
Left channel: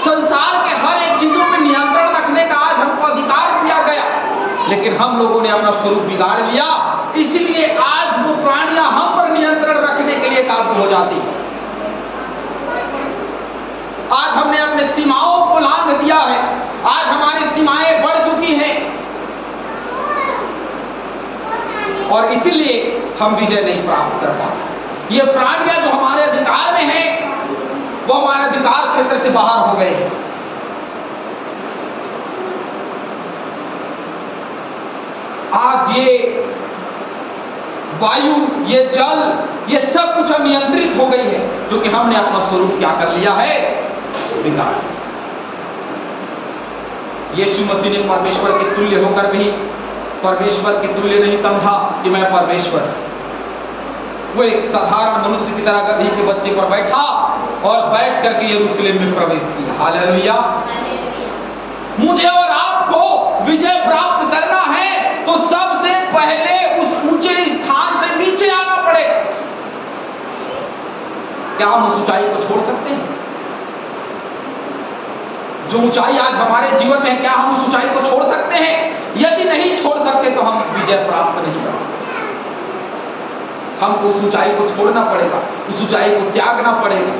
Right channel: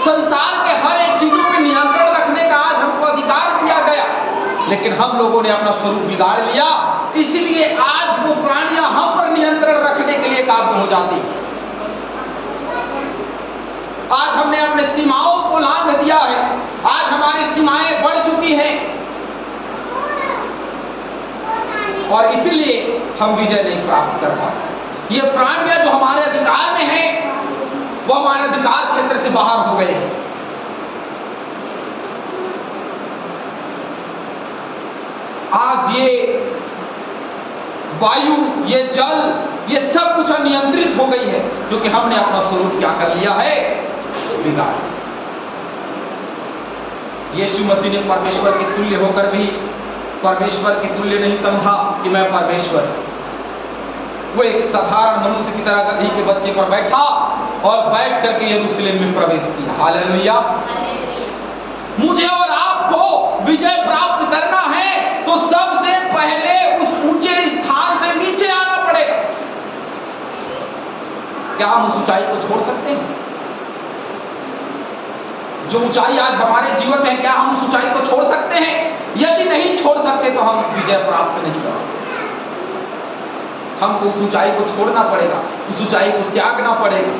संसार के हर एक चीजों में नियंत्रण रखने का आज हमको अधिकार दिया गया, लेकिन हम लोगों ने अपना स्वरूप बिगाड़ लिया। इसलिए आज वो प्राणियां हम पर नियंत्रण रखने के लिए काबू हो जाती हैं। आज हमने अपने सीमाओं को लांघ दिया है। आज हमारी सीमाएं बढ़ चुकी हैं, और इसलिए हम विजय नहीं प्राप्त कर पाते। ये प्राणियां जो हमारे अधिकार में हैं, वो हमारे अधिकार क्षेत्र से बाहर हो गए हैं। आज ये वायु, ये जल, ये सब कुछ अनियंत्रित हो गई है, क्योंकि हमने अपना स्वरूप क्या कर लिया है, बिगाड़ लिया। यीशु मसीह ने परमेश्वर के तुल्य होकर भी परमेश्वर के तुल्य नहीं समझा कि मैं परमेश्वर। वो एक साधारण मनुष्य की तरह गधी के बच्चे पर बैठा और बैठ करके यरूशलेम में प्रवेश किया। हालेलुया। मुझे और आपको विजय प्राप्त करना है तो सबसे पहले उस ऊंचे स्थान से नीचे आना पड़ेगा। क्या हम उस ऊंचाई को छोड़ सकते हैं? जो ऊंचाई आज हमारे जीवन में है, क्या हम उस ऊंचाई को छोड़ सकते हैं? यदि नहीं छोड़ सकते तो हम विजय प्राप्त नहीं कर सकते। हमको उस ऊंचाई को छोड़ना पड़ेगा, उस ऊंचाई को त्यागना पड़ेगा।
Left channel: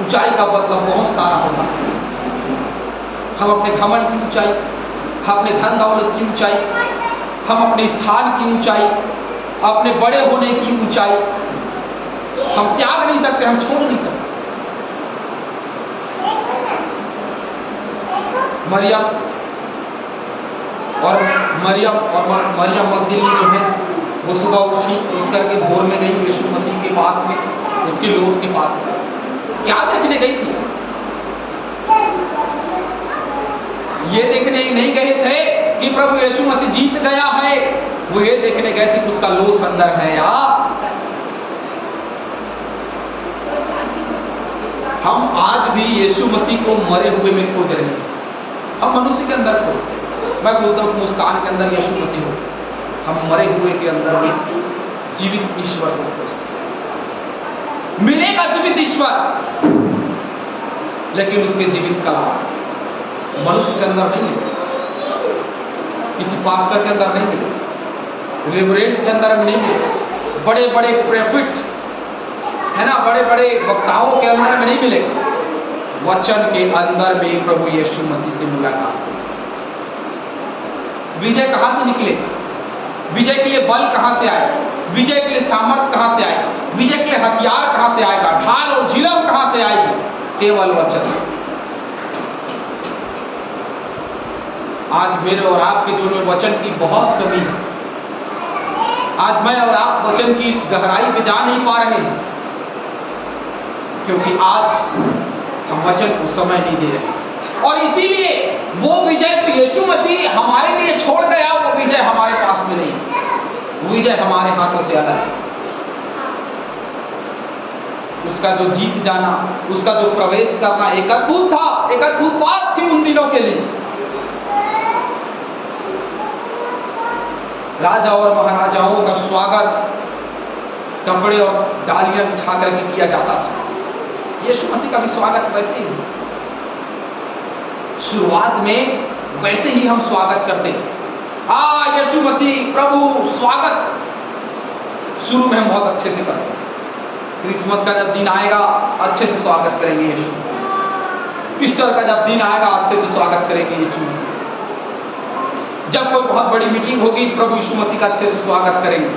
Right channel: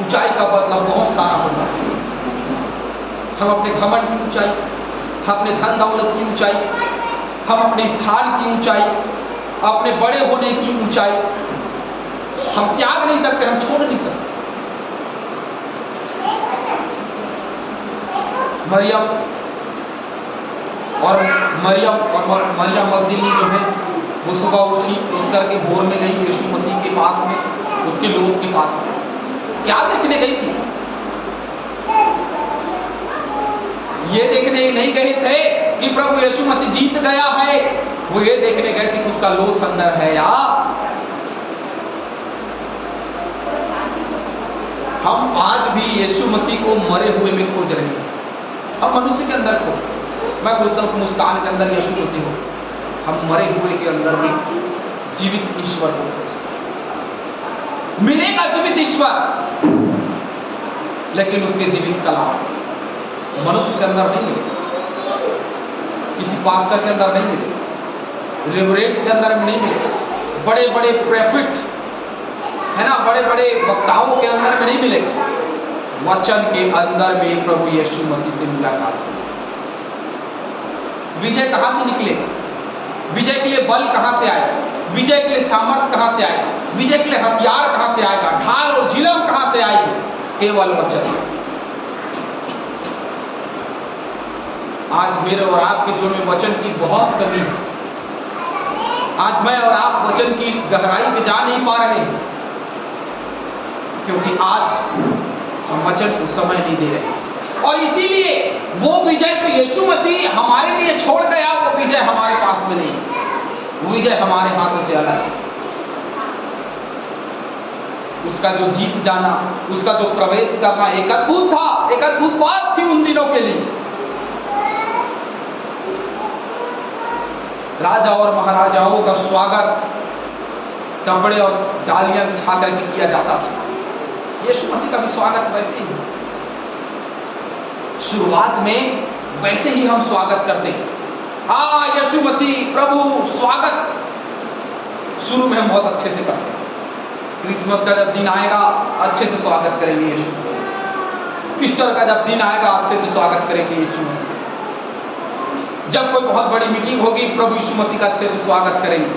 ऊंचाई का मतलब बहुत सारा होता है। हम अपने घमंड की ऊंचाई, अपने धन दौलत की ऊंचाई, हम अपने स्थान की ऊंचाई, अपने बड़े होने की ऊंचाई हम त्याग नहीं सकते, हम छोड़ नहीं सकते। मरियम मरियम मगदलीनी जो है, वो सुबह उठ करके भोर में गई यीशु मसीह के पास में, उसके लोथ के पास में। क्या देखने गई थी? ये देखने नहीं गए थे कि प्रभु यीशु मसीह जीत गया है, वो ये देखने गए थे कि उसका लोथ अंदर है या। हम आज भी यीशु मसीह को मरे हुए में खोज रहे हैं। हम मनुष्य के अंदर खोजते हैं। मैं खोजता हूँ मुस्कान के अंदर यीशु मसीह हो, हम मरे हुए के अंदर भी जीवित ईश्वर को खोजते। मिलेगा जीवित ईश्वर, लेकिन उसके जीवित कलाम मनुष्य के अंदर नहीं मिले, किसी पास्टर के अंदर नहीं मिले, लिबरेट के अंदर में नहीं मिले, बड़े बड़े प्रोफिट है ना, बड़े बड़े वक्ताओं के अंदर में नहीं मिलेगा। वचन के अंदर में प्रभु यीशु मसीह से मुलाकात। विजय कहां से निकलेगा? विजय के लिए बल कहां से आएगा? विजय के लिए सामर्थ्य कहां से आएगा? विजय के लिए हथियार कहां से आएगा? ढाल और झिलम कहां से आएगी? केवल वचन। आज मेरे और आपके जीवन में वचन की बहुत कमी है। आज मैं और आप वचन की गहराई पे जा नहीं पा रहे हैं, क्योंकि आज हम वचन को समय नहीं दे रहे। और इसीलिए वो विजय तो यीशु मसीह हमारे लिए छोड़ गया, वो विजय हमारे पास में नहीं। वो विजय हमारे हाथों से अलग है। उसका जो जीत जाना, उसका जो प्रवेश करना एक अद्भुत था, एक अद्भुत बात थी उन दिनों के लिए। राजा और महाराजाओं का स्वागत कपड़े और डालियां बिछा करके किया जाता था। यीशु मसीह का भी स्वागत वैसे ही, शुरुआत में वैसे ही हम स्वागत करते हैं। यीशु मसीह प्रभु स्वागत शुरू में हम बहुत अच्छे से करते हैं। क्रिसमस का जब दिन आएगा अच्छे से स्वागत करेंगे यीशु। ईस्टर का जब दिन आएगा अच्छे से स्वागत करेंगे यीशु मसीह। जब कोई बहुत बड़ी मीटिंग होगी प्रभु यीशु मसीह का अच्छे से स्वागत करेंगे।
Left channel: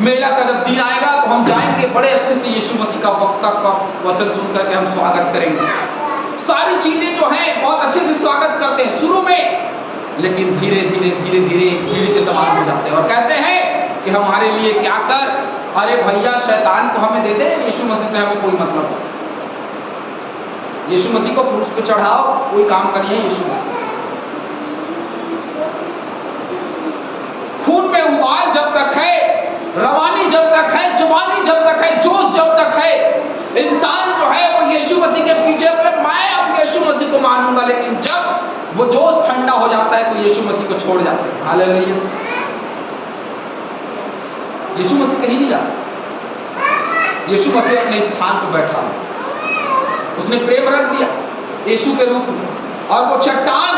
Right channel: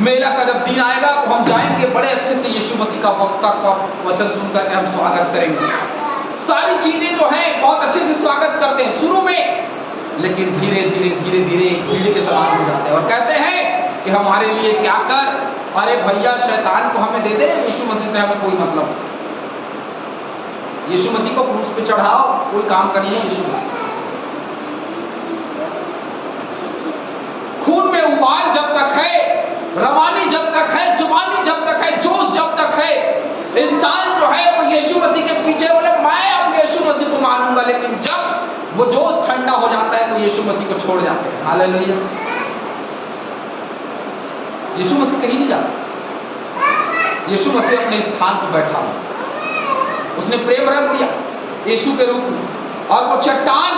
मेला का जब दिन आएगा तो हम जाएंगे, बड़े अच्छे से यीशु मसीह का वक्ता का वचन सुन करके हम स्वागत करेंगे। सारी चीजें जो हैं बहुत अच्छे से स्वागत करते हैं शुरू में, लेकिन धीरे धीरे धीरे धीरे भीड़ के समान हो जाते हैं और कहते हैं कि हमारे लिए क्या कर, अरे भैया शैतान को हमें दे दे, यीशु मसीह से हमें कोई मतलब नहीं। यीशु मसीह को क्रूस पे चढ़ाओ, कोई काम करिए यीशु मसीह। खून में उबाल जब तक है, रवानी जब तक है, जवानी जब तक है, जोश जब तक है, इंसान जो है वो यीशु मसीह के पीछे बोले मैं अब यीशु मसीह को मानूंगा। लेकिन जब वो जोश ठंडा हो जाता है तो यीशु मसीह को छोड़ जाते हैं। हालेलुया। यीशु मसीह कहीं नहीं जाता। यीशु मसीह अपने स्थान पर बैठा, उसने प्रेम रख दिया यीशु के रूप में। और वो चट्टान,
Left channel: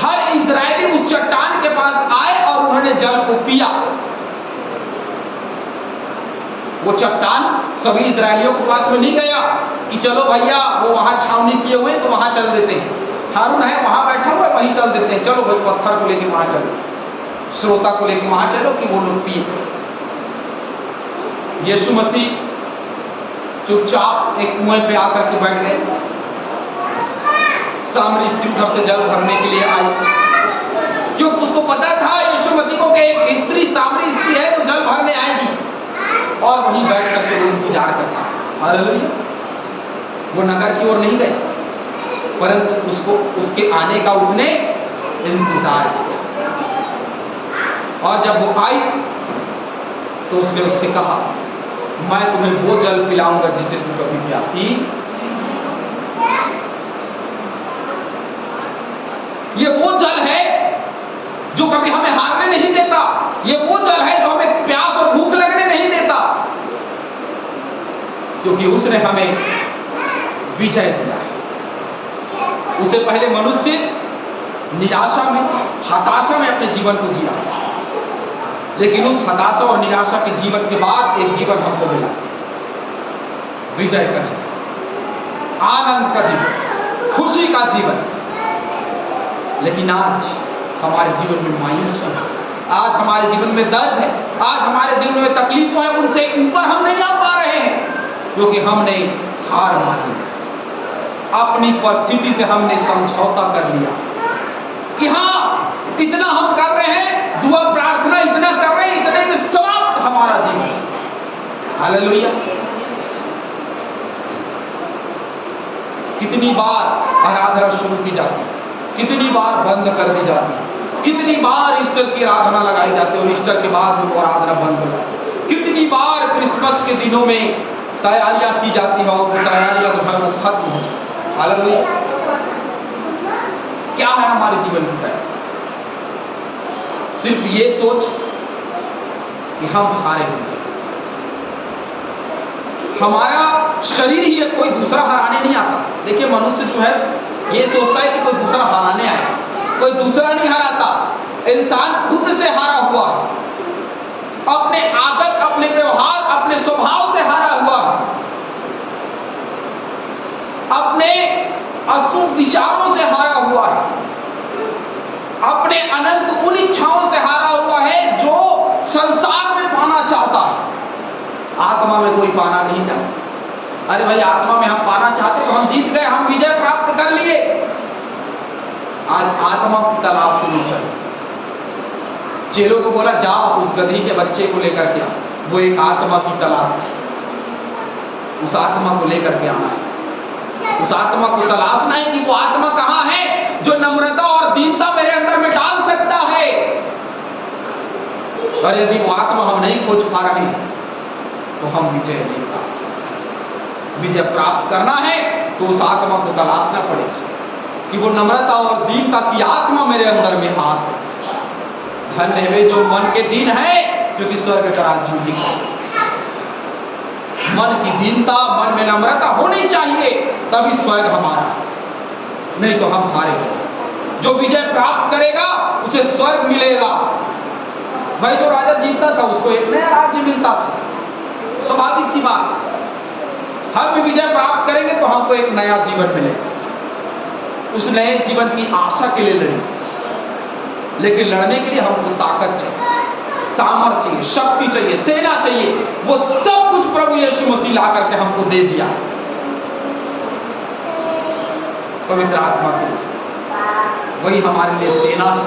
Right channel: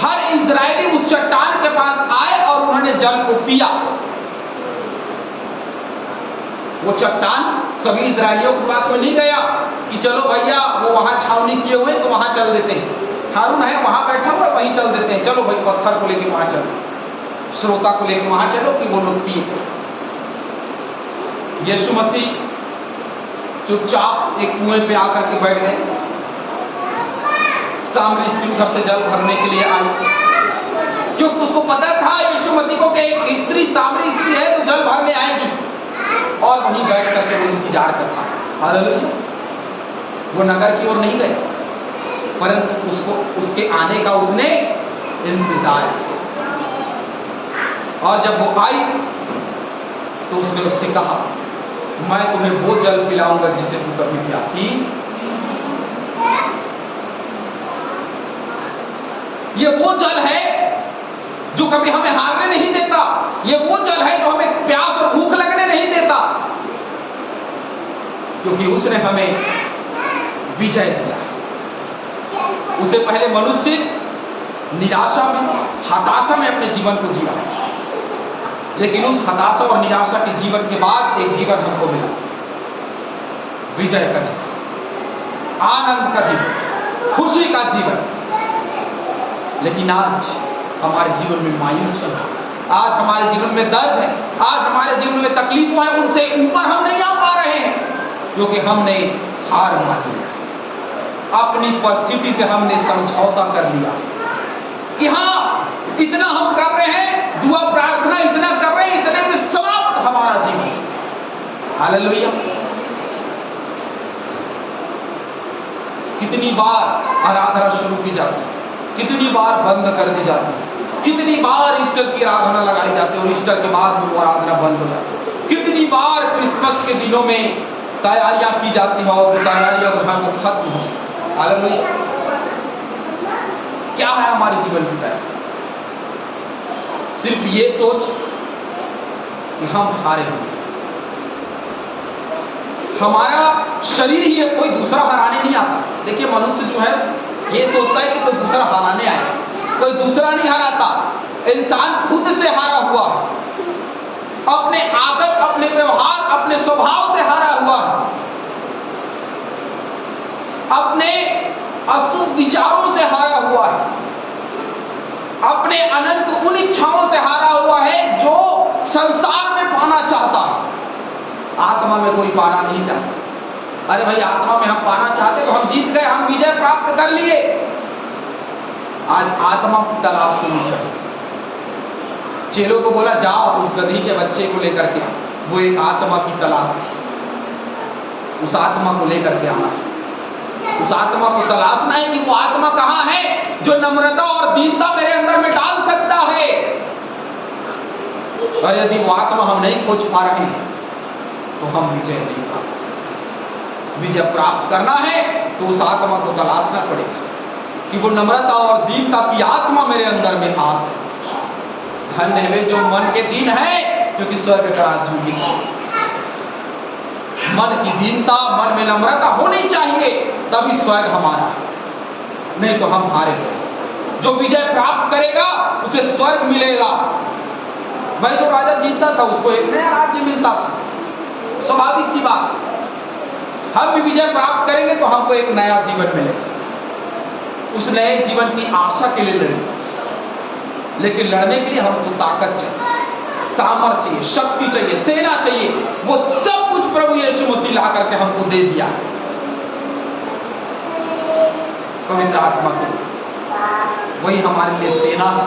हर इजरायली उस चट्टान के पास आए और उन्होंने जल को पिया। वो चट्टान सभी इजरायलियों के पास में नहीं गया कि चलो भैया वो वहां छावनी किए हुए तो वहां चल देते हैं, हारून है वहां बैठा हुआ है वहीं चल देते हैं, चलो भाई पत्थर को लेके वहां चलो, श्रोता को लेके वहां चलो कि वो लोग पिए। यीशु मसीह चुपचाप एक कुएं पे आकर के बैठ गए। सामरी स्त्री उधर से जल भरने के लिए आई, क्योंकि उसको पता था यीशु मसीह को कि एक स्त्री सामरी स्त्री है तो जल भरने आएगी, और वहीं बैठ करके वो इंतजार करता। हालेलुया। वो नगर की ओर नहीं गए, परंतु उसको उसके आने का उसने इंतजार किया। और जब वो आई तो उसने उससे कहा, मैं तुम्हें वो जल पिलाऊंगा जिसे तू कभी प्यासी। ये वो जल है जो कभी हमें हारने नहीं देता। ये वो जल है जो हमें प्यास और भूख लगने नहीं देता, क्योंकि उसने हमें विजय दिया है। उससे पहले मनुष्य निराशा में, हताशा में अपने जीवन को जिया, लेकिन उस हताशा और निराशा के जीवन के बाद एक जीवन हमको मिला, विजय का जीवन, आनंद का जीवन, खुशी का जीवन। लेकिन आज हमारे जीवन में मायूसी है, आज हमारे जीवन में दर्द है, आज हमारे जीवन में तकलीफें हैं, उनसे ऊपर हम नहीं आ पा रहे हैं, क्योंकि हमने हार मानी, अपनी परिस्थिति से हमने समझौता कर लिया कि हाँ इतना हम कर रहे हैं, दुआ प्रार्थना इतना कर रहे हैं, इतने में समाप्त हमारा जीवन। हालेलुया। कितनी बार आराधना शुरू की जाती है, कितनी बार बंद कर दी जाती है, कितनी बार ईस्टर की आराधना लगाई जाती है और ईस्टर के बाद में वो आराधना बंद हो जाती है। कितनी बार क्रिसमस के दिनों में तैयारियां की जाती है और तैयारियां जो है वो खत्म हो। हालेलुया। क्या है हमारे जीवन की तैयारी? सिर्फ ये सोच कि हम हारे होंगे। हमारा शरीर ही है, कोई दूसरा हराने नहीं आता। देखिए मनुष्य जो है ये सोचता है कि कोई दूसरा हराने आए, कोई दूसरा नहीं हराता। इंसान खुद से हारा हुआ है, अपने आदत, अपने व्यवहार, अपने स्वभाव से हारा हुआ है, अपने अशुभ विचारों से हारा हुआ है, अपने अनंत उन इच्छाओं से हारा हुआ है जो संसार में पाना चाहता है। आत्मा में कोई पाना नहीं चाहता। अरे भाई, आत्मा में हम पाना चाहते तो हम जीत गए, हम विजय प्राप्त कर लिए। आज आत्मा की तलाश होनी चाहिए। चेलों को बोला जाओ उस गधी के बच्चे को लेकर के आओ, वो एक आत्मा की तलाश थी। उस आत्मा को लेकर के आना है, उस आत्मा को तलाशना है कि वो आत्मा कहाँ है जो नम्रता और दीनता मेरे अंदर में डाल सकता है। और यदि वो आत्मा हम नहीं खोज पा रहे हैं तो हम विजय नहीं प्राप्त। विजय प्राप्त करना है तो उस आत्मा को तलाशना पड़ेगा कि वो नम्रता और दीनता की आत्मा मेरे अंदर में आ सके। धन्य है वे जो मन के दीन है, क्योंकि स्वर्ग का राज्य उनका। मन की दीनता, मन में नम्रता होनी चाहिए, तभी स्वर्ग हमारा है, नहीं तो हम हारेंगे। जो विजय प्राप्त करेगा उसे स्वर्ग मिलेगा। भाई जो राजा जीतता था उसको एक नया राज्य मिलता था, स्वाभाविक सी बात। हम भी विजय प्राप्त करेंगे तो हमको एक नया जीवन मिलेगा। उस नए जीवन की आशा के लिए लड़ेंगे, लेकिन लड़ने के लिए हमको ताकत चाहिए, सामर्थ्य चाहिए, शक्ति चाहिए, सेना चाहिए। वो सब कुछ प्रभु यीशु मसीह ला करके हमको दे दिया है पवित्र आत्मा को। वही हमारे लिए सेना है,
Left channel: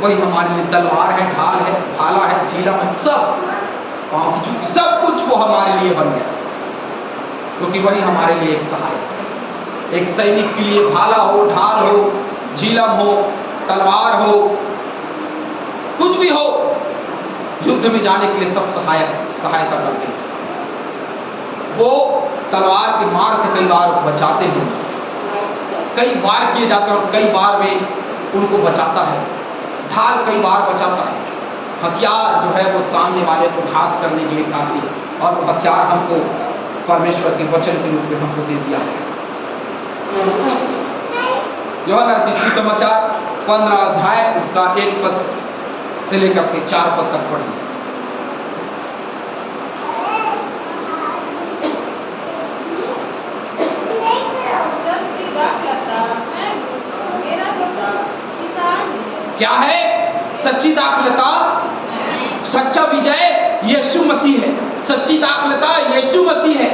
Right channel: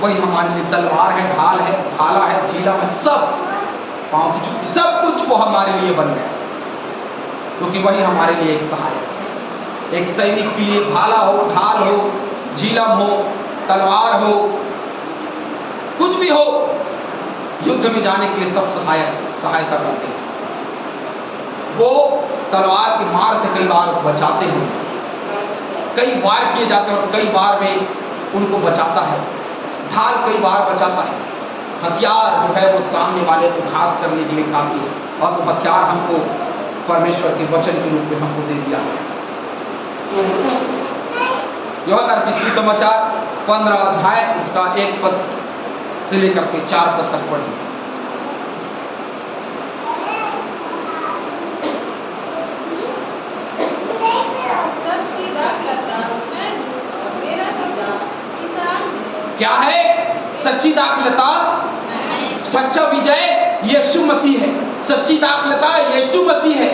वही हमारे लिए तलवार है, ढाल है, भाला है, झीलम है, सब पांव की चुटकी, सब कुछ वो हमारे लिए बन गया, क्योंकि वही हमारे लिए एक सहायक है। एक सैनिक के लिए भाला हो, ढाल हो, झीलम हो, तलवार हो, कुछ भी हो, युद्ध में जाने के लिए सब सहायता करते हैं। वो तलवार के मार से कई बार बचाते हैं, कई बार किए जाते हैं और कई बार वे उनको बचाता है। ढाल कई बार बचाता है। हथियार जो है वो सामने वाले को घात करने के लिए काफी है, और वो हथियार हमको परमेश्वर के वचन के रूप में हमको दे दिया है। यूहन्ना तीसरी समाचार 15 अध्याय उसका 1 पद से लेकर के 4 पद तक पढ़िए। क्या है सच्ची दाखलता? सच्चा विजय यीशु मसीह है। सच्ची दाखलता यीशु मसीह है।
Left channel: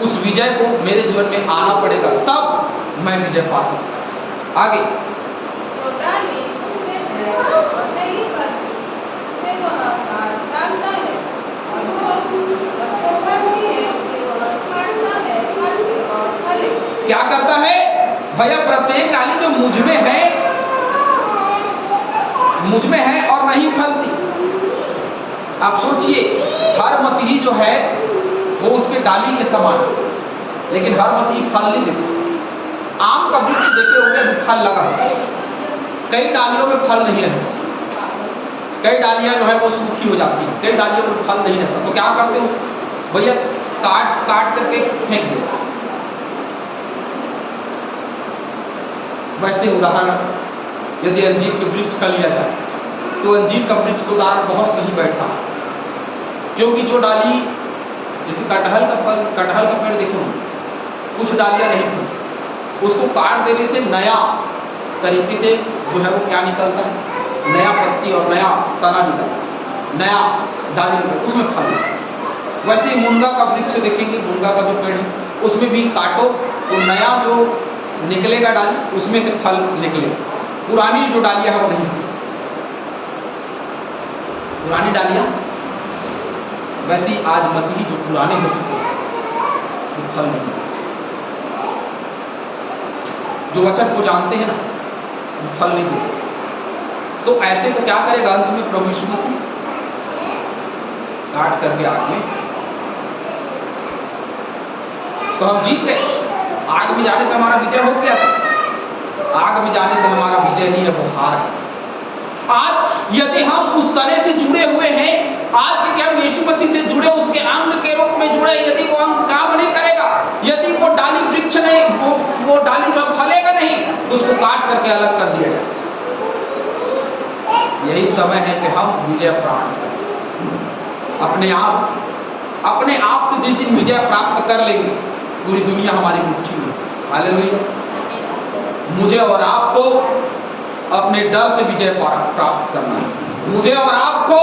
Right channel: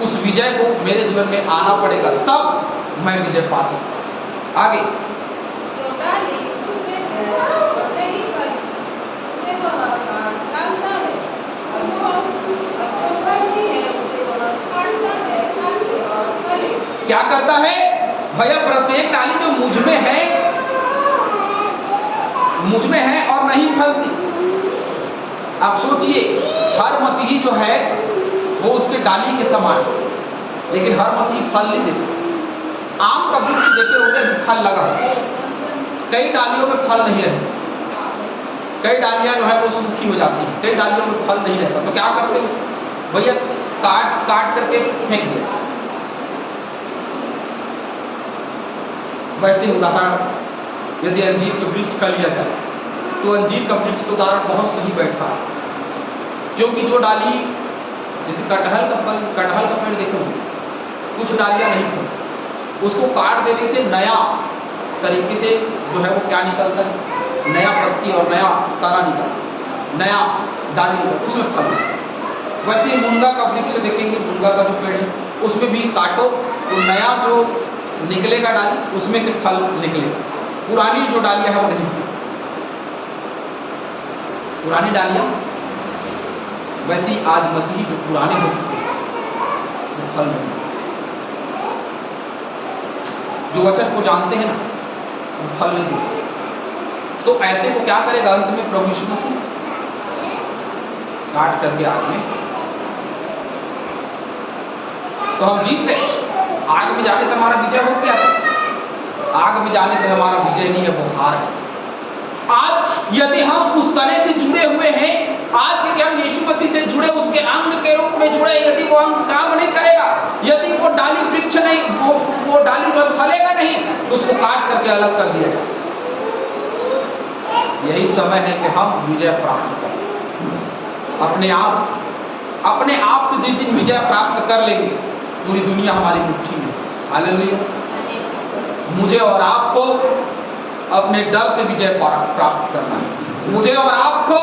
उस विजय को मेरे जीवन में आना पड़ेगा, तब मैं विजय पा सकता। आगे जो डाली उसमें है और नहीं फलती, उसे वह काट डालता है, और जो फलती है उसे वह छांटता है ताकि और फले। क्या करता है भैया? प्रत्येक डाली जो मुझ में है और नहीं फलती। आप सोचिए, हर मसीही जो है वो उसके डाली के समान, लेकिन हर मसीही फल नहीं देता। आम का वृक्ष देखे होंगे, फल लगा है, कई डालियों में फल नहीं रहता, कई डालियां जो है वो सूखी हो जाती हैं, कई डालियों में फल नहीं रहता। तो क्या करते हैं? भैया काट करके फेंक दे। वैसे उदाहरण यदि अंजीर के वृक्ष का लिया जाए तो अंजीर का वृक्ष का उदाहरण बहुत सही बैठता है, क्योंकि जो डाली, जैसे कटहल का पेड़ देखे होंगे, कुछ डालियां नहीं फलती, उसको काट देने से नया तरीके से जो है वो क्या निकलता है, नया पत्ती और नया तना निकलता है, नया डाली निकलता है, उसमें फल लगता है। वैसे मुनगा का वृक्ष देखेंगे, मुनगा का जो पेड़ है उसमें भी काटो तो नया जो निकलेगा डाली, उसमें से फल निकलेगा। पुरानी जो डालियां हैं वो नहीं फलती, पुरानी डालियां। वैसे ही आज मसीही जो पुराने हो चुके हैं वो फल नहीं, जो वचन को जानते हैं ना वो फल नहीं देते। तो ऐसे को क्या करेगा? अंत में प्रभु यीशु मसीह काट करके आग में, तो हम जीत गए। आग में जाने से हमारा विजय हो गया था। आग में जाने से हमारा विजय नहीं है, वो हार है। आज यदि हम उस तने से जुड़े हुए हैं, आज यदि हम यीशु मसीह से जुड़े, उसके अंग के रूप में जुड़े, यदि वो अंग काम नहीं करेगा, यदि वो डाली वृक्ष नहीं, वो डाली जो फलेगा नहीं, तो उसको काट करके अलग कर दिया जाए। यही समय है कि हम विजय प्राप्त करें अपने आप से। जिस दिन विजय प्राप्त कर लेंगे, पूरी दुनिया हमारी मुट्ठी में। हालेलुया। मुझे और आपको अपने डर से विजय प्राप्त करना है। मुझे और आपको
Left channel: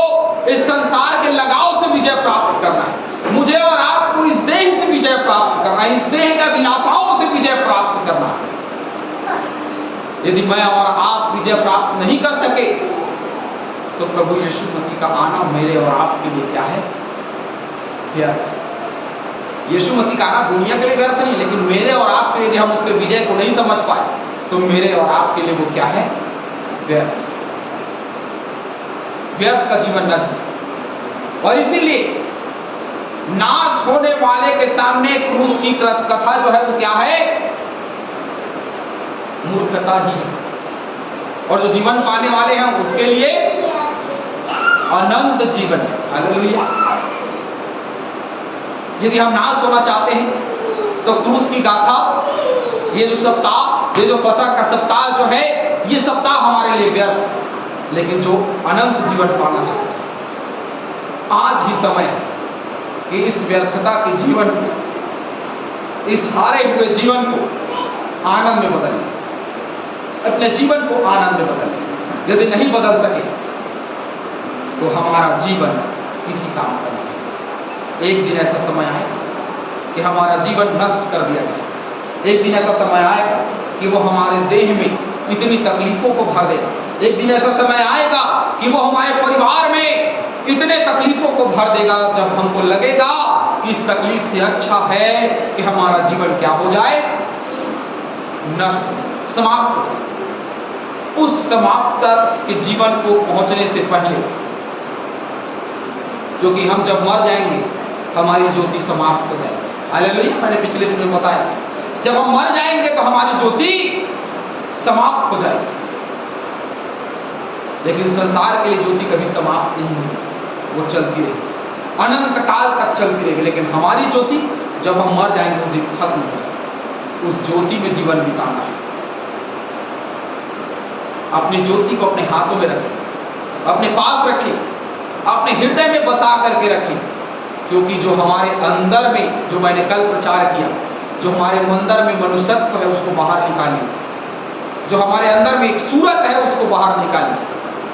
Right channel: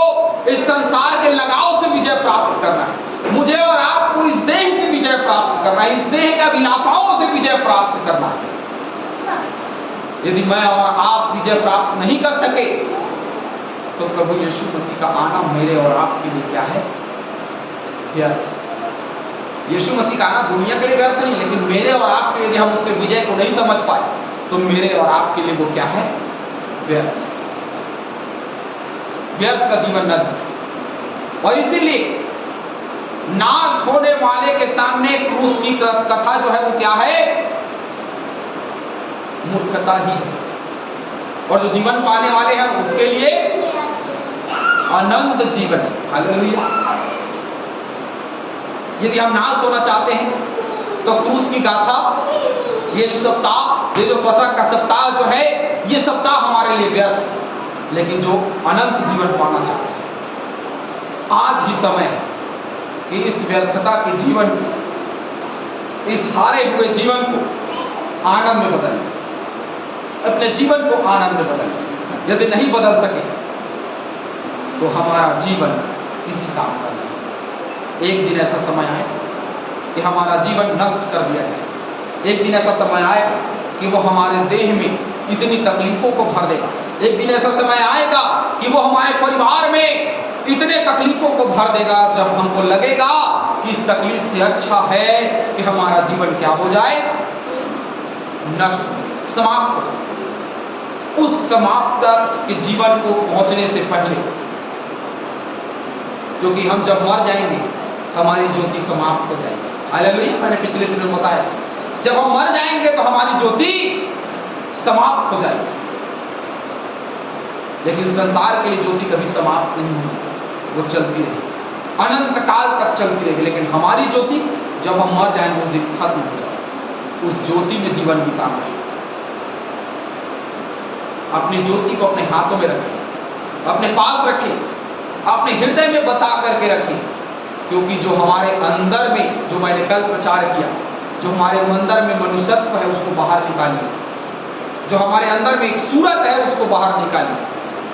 इस संसार के लगाव से विजय प्राप्त करना है। मुझे और आपको इस देह से विजय प्राप्त करना है, इस देह का विलासाओं से विजय प्राप्त करना है। यदि मैं और आप विजय प्राप्त नहीं कर सके, तो प्रभु यीशु मसीह का आना मेरे और आपके लिए क्या है? व्यर्थ। यीशु मसीह का आना दुनिया के लिए व्यर्थ नहीं, लेकिन मेरे और आपके लिए, यदि हम उसके विजय को नहीं समझ पाए, तो मेरे और आपके लिए वो क्या है? व्यर्थ। व्यर्थ का जीवन न जी। और इसीलिए नाश होने वाले के सामने क्रूस की कथा जो है वो क्या है? मूर्खता ही है। और जो जीवन पाने वाले हैं उसके लिए अनंत जीवन है। हालेलुया। यदि हम नाश होना चाहते हैं तो क्रूस की गाथा, ये जो सप्ताह, ये जो फसह का सप्ताह जो है, ये सप्ताह हमारे लिए व्यर्थ है। लेकिन जो अनंत जीवन पाना चाहते हैं, आज ही समय है कि इस व्यर्थता के जीवन को, इस हारे हुए जीवन को आनंद में बदलें। अपने जीवन को आनंद में बदलें। यदि नहीं बदल सके तो हमारा जीवन किसी काम का नहीं। एक दिन ऐसा समय आएगा कि हमारा जीवन नष्ट कर दिया जाए। एक दिन ऐसा समय आएगा कि वो हमारे देह में इतनी तकलीफों को भर देगा। एक दिन ऐसा समय आएगा कि वो हमारे परिवार में इतने तकलीफों को भर देगा, जब हमको लगेगा कि इस तकलीफ से अच्छा है कि हमारा जीवन क्या हो जाए? नष्ट, समाप्त हो जाए। उस समाप्त के जीवन को पहुंचने से पहले, जो कि हम जब मर जाएंगे हमारी ज्योति समाप्त हो जाएगी। हालेलुया। मैंने पिछले दिनों में बताया, जब हम मर जाएंगे तो हमारी ज्योति समाप्त हो जाएगी। लेकिन संसार के लिए ज्योति कभी समाप्त नहीं होगी, वो चलती रहेगी, अनंत काल तक चलती रहेगी। लेकिन हमारी ज्योति जब हम मर जाएंगे उस दिन खत्म हो जाएगी। उस ज्योति में जीवन बिताना है। अपनी ज्योति को अपने हाथों में रखें, अपने पास रखें, अपने हृदय में बसा करके रखें, क्योंकि जो हमारे अंदर में, जो मैंने कल प्रचार किया, जो हमारे अंदर में मनुष्यत्व है उसको बाहर निकालिए। जो हमारे अंदर में एक सूरत है उसको बाहर निकालिए।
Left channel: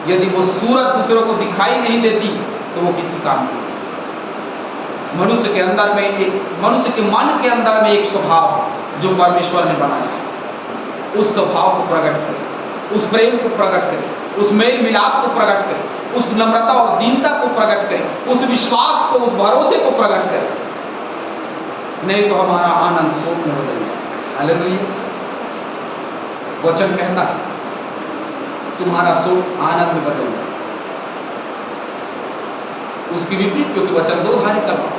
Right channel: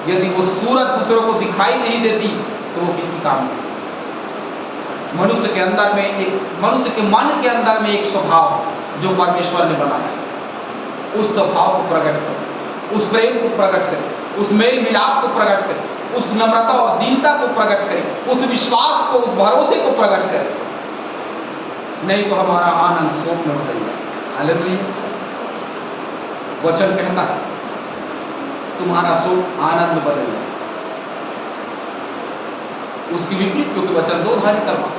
यदि वो सूरत दूसरों को दिखाई नहीं देती तो वो किसी काम नहीं। मनुष्य के अंदर में मनुष्य के मन के अंदर में एक स्वभाव है जो परमेश्वर ने बनाया है। उस स्वभाव को प्रकट करें, उस प्रेम को प्रकट करें, उस मेल मिलाप को प्रकट करें, उस नम्रता और दीनता को प्रकट करें, उस विश्वास को, उस भरोसे को प्रकट करें। नहीं तो हमारा आनंद शोक में बदल जाए। हालेलुया। वचन कहता है तुम्हारा शोक आनंद में बदल जाए। उसकी विपरीत, क्योंकि वचन दो धारी तलवार,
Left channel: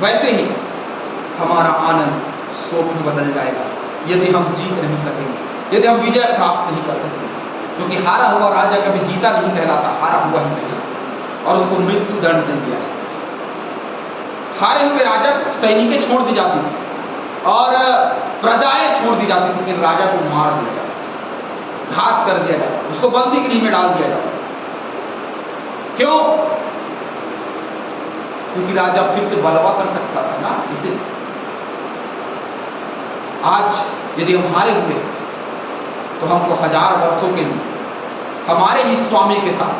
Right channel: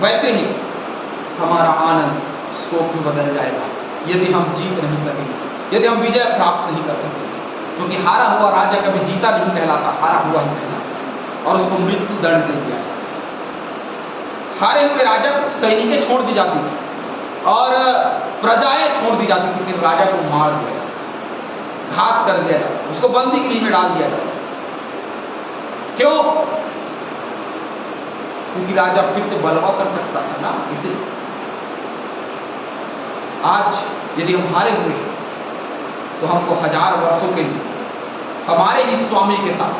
वैसे ही हमारा आनंद शोक में बदल जाएगा यदि हम जीत नहीं सकेंगे, यदि हम विजय प्राप्त नहीं कर सकेंगे। क्योंकि हारा हुआ राजा कभी जीता नहीं कहलाता, हारा हुआ ही कहलाता, और उसको मृत्यु दंड दे दिया। हारे हुए राजा को सैनिकें छोड़ दी जाती थी और प्रजाएं छोड़ दी जाती थी, लेकिन राजा को मार दिया जाता, घात कर दिया जाता, उसको बंदी गृह में डाल दिया जाता। क्यों? क्योंकि राजा फिर से बलवा कर सकता था ना, इसलिए। आज यदि हम हारे हुए हैं तो हमको 1000 वर्षों के लिए हमारे ही स्वामी के साथ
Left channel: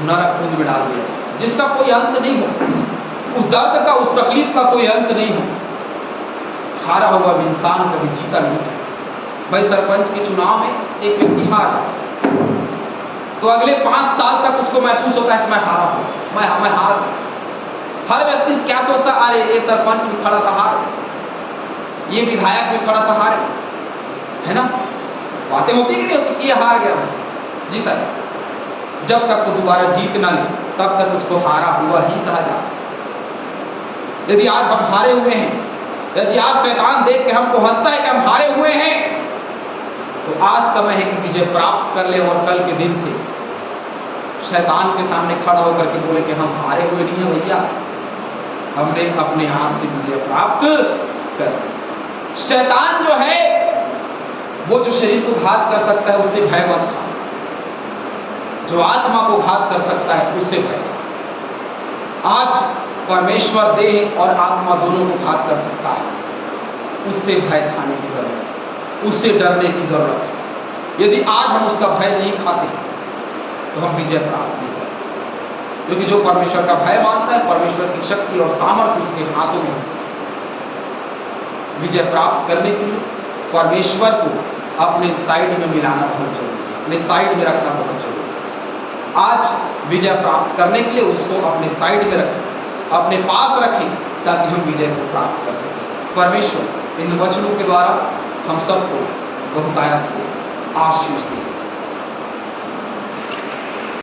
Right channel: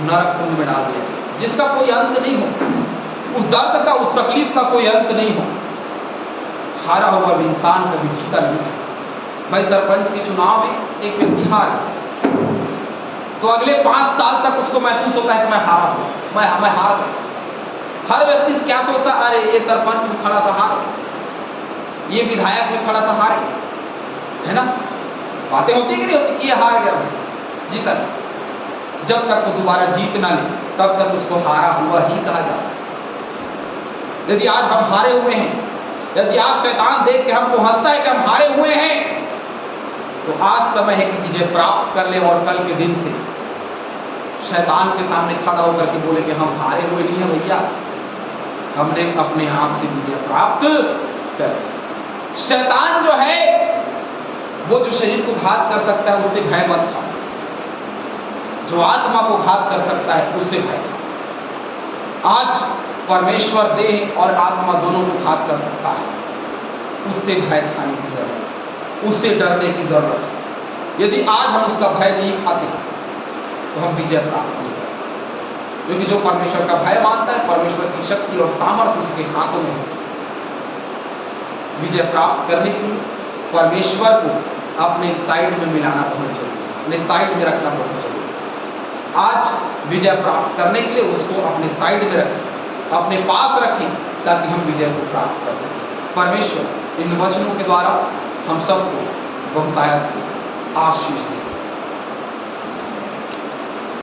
नरक कुंड में डाल दिया जाए, जिसका कोई अंत नहीं हो, उस दर्द का, उस तकलीफ का कोई अंत नहीं हो। हारा हुआ इंसान कभी जीता नहीं है। भाई, सरपंच के चुनाव में एक व्यक्ति हारा तो अगले 5 साल तक उसको महसूस होता है कि मैं हारा हूं, मैं हार गया। हर व्यक्ति क्या सोचता है, अरे ये सरपंच में खड़ा था हार, ये विधायक में खड़ा था हार, है ना? बातें होती कि नहीं होती कि ये हार गया, जीता नहीं। जब तक वो दोबारा जीत ना ले तब तक उसको हारा हुआ ही कहा जाता है। यदि आज हम हारे हुए हैं, यदि आज शैतान देख के हमको हंसता है कि हम हारे हुए हैं, तो आज समय है कि विजय प्राप्त कर ले और कल के दिन से शैतान के सामने खड़ा होकर के बोले कि हम हारे हुए नहीं है भैया, हमने अपने आप से विजय प्राप्त कर। शैतान जो है वो जो शरीर को घात कर सकता है उससे भय मत खा, जो आत्मा को घात कर सकता है उससे भय खा। आज परमेश्वर देह और आत्मा दोनों को घात कर सकता है, उससे भय खाने की जरूरत है, उससे डरने की जरूरत है। यदि आज हम उसका भय नहीं खाते तो हम विजय प्राप्त नहीं कर सकते, क्योंकि जो परमेश्वर का भय मानता है, परमेश्वर की शक्ति और सामर्थ्य उसके हाथों में होती है। विजय प्राप्त करने के लिए परमेश्वर को अपने साइड में मिलाना बहुत जरूरी है, अपने साइड में रखना बहुत जरूरी है। आज विजय प्राप्त करने के लिए उसको अपने साइड में रखें, अपने पास रखें, ताकि हम विजय को प्राप्त कर सकें। परमेश्वर इन वचनों के द्वारा हम सबको बहुतायत से आशीष दे।